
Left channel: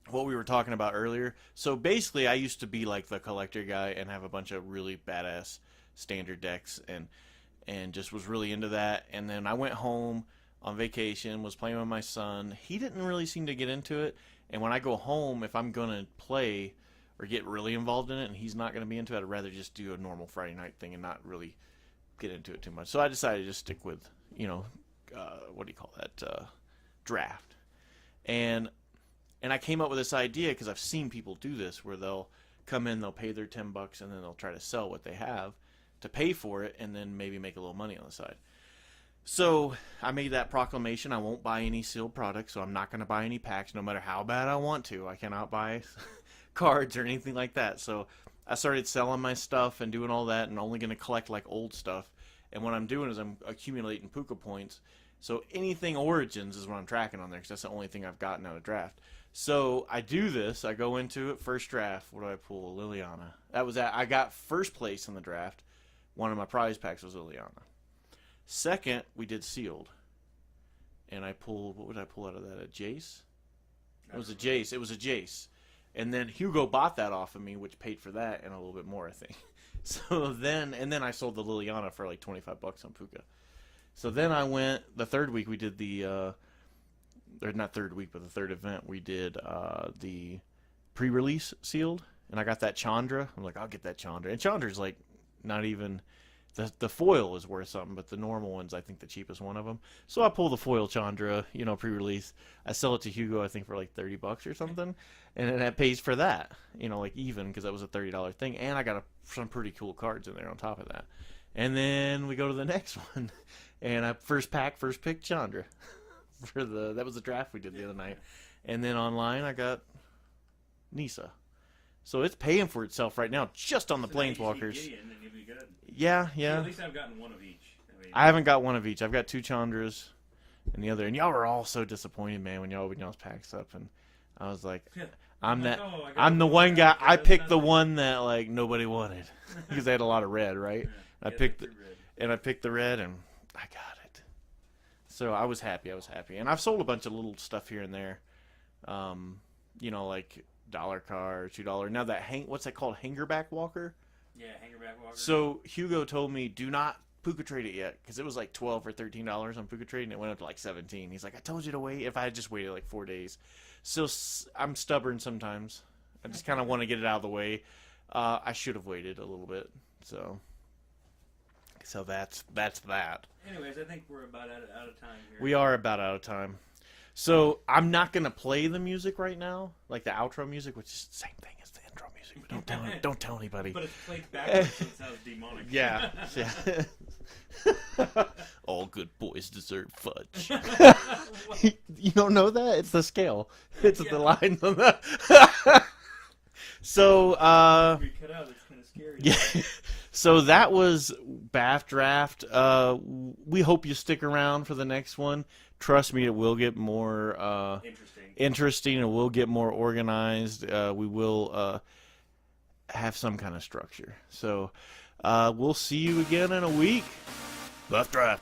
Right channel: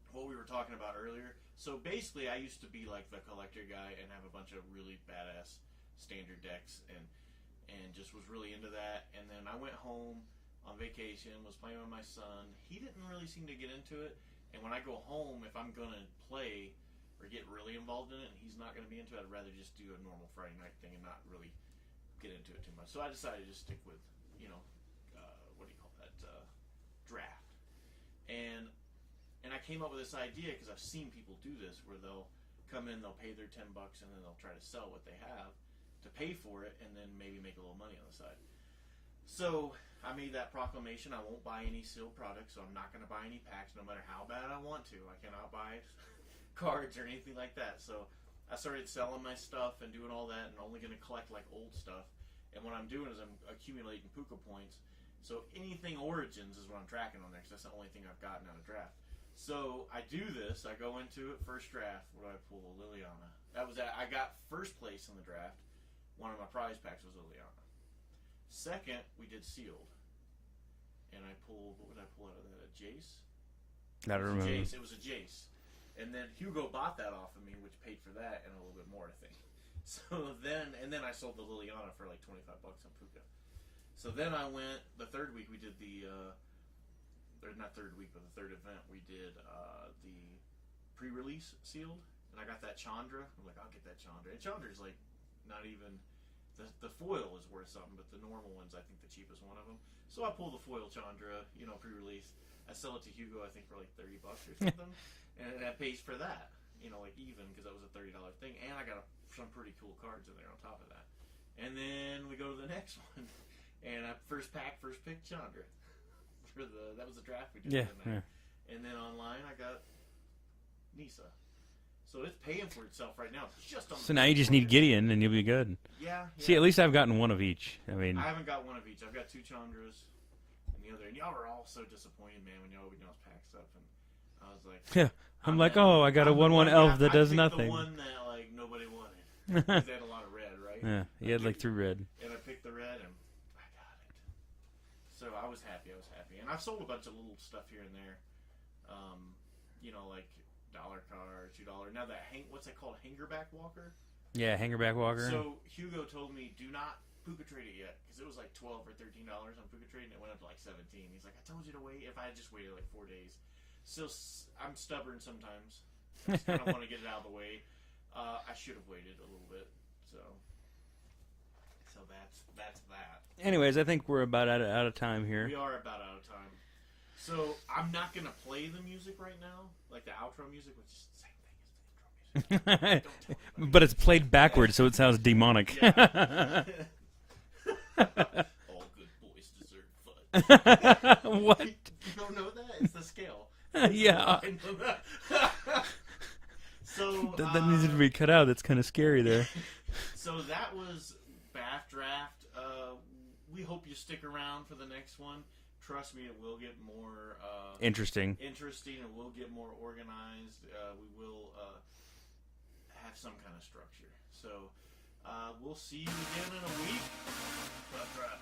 what we were talking about earlier. So basically, I used to be like the collector guy and have a bunch of really badass standard decks and just was really into that. And then I went home on vacation, was playing with my son. He didn't really seem to get into it. And when I go home, if I'm going to play or get really involved in it and he's not going to be into it, I'd rather just do a normal Friday night thing and not really get into it too much. So I decided to just stick with, draft. And I came up with this idea because I've seen people do this where they'll come in, they'll pay their $10, and then they'll try to sell what they have to pay for it and then maybe make a little money on the side. So I made that proclamation. I won't buy any sealed products, so I'm not going to buy any packs no matter how bad I want to. I cannot buy cards or anything like that. So I started selling my stuff and doing all that and only going to collect like old stuff. And what I'm doing is I'm accumulating Puka points. So anything Origins is what I'm tracking on there because that's the only thing I've gotten out of draft. So I do this. I go into it, first draft. What do I pull? Liliana. I got first place in the draft. One of my prize packs was Liliana. Second, we did sealed. And I pulled, what would I pull out of that? A Jace? It was a Jace. And then Hugo bought that off of me, which paid for that and a little bit more, I think. So then I sold the Liliana for like $25 on Puka. So then I went, the third week we did or not third week, but the third event, we did the pre-release sealed. And I got that Chandra. I'm like, I'll get that Chandra. And Chandra's like not even, the foil is worth something, but the normal one's I think the cheapest one of them. So I pull the foil Chandra, pre-release. I sell it to Hugo, I think for like $30 or something. And then that pays for that, like even because that was a $30 thing. And I got some pretty cool cards in there on top of that. And then we go to the next one. And first pick Chandra. That was the draft we did the other night. Yeah. And then online I got Nisa. So it's paying for itself right now just on the So now you just need Gideon and you'll be good. Yeah. See, at least I've gotten one of each. I haven't got one of each. I've got 2 Chandras and the other. And y'all were all so disappointed, man, when y'all opened y'all's packs up. And I was like, I got I'm the one guy. I picked nothing. the one that like nobody wanted because they had a lot of red, right? Yeah, I picked like 3 red. And I picked the red and I got it. So I was happy. And I've sold a bunch of little stuff here and there. Like $1 card, $2. Now what's that called? Hangerback Walker? Yeah, Hangerback Walker. So Hugo told me, do not Puka trade it yet because it was like $12 or $13 on Puka trade and it went up to like 17. He's like, I told you to wait. If I had just waited like 4 days. So I'm stubborn sometimes. I just kind of want to get it out of the way. I should have waited a little bit. So that's that. Anyways, I think we're about out of time here. We are about out of time. So I'm not going to play the music right now, like the outro music, which is the same thing as the intro music. Don't tell anybody. But it's played backwards, so it sounds demonic. Yeah. All good boys deserve fudge. What? You don't know that? It's the scale. It's Yeah. the lines on the... So, that needs to be cut out. That's kind of scary, though. So that was BAFDraft. We hope you stick around for the next one. Trust me, it will get more interesting. It will get more organized. We will have some kind of structure. So we'll see you again in a week. BAFDraft.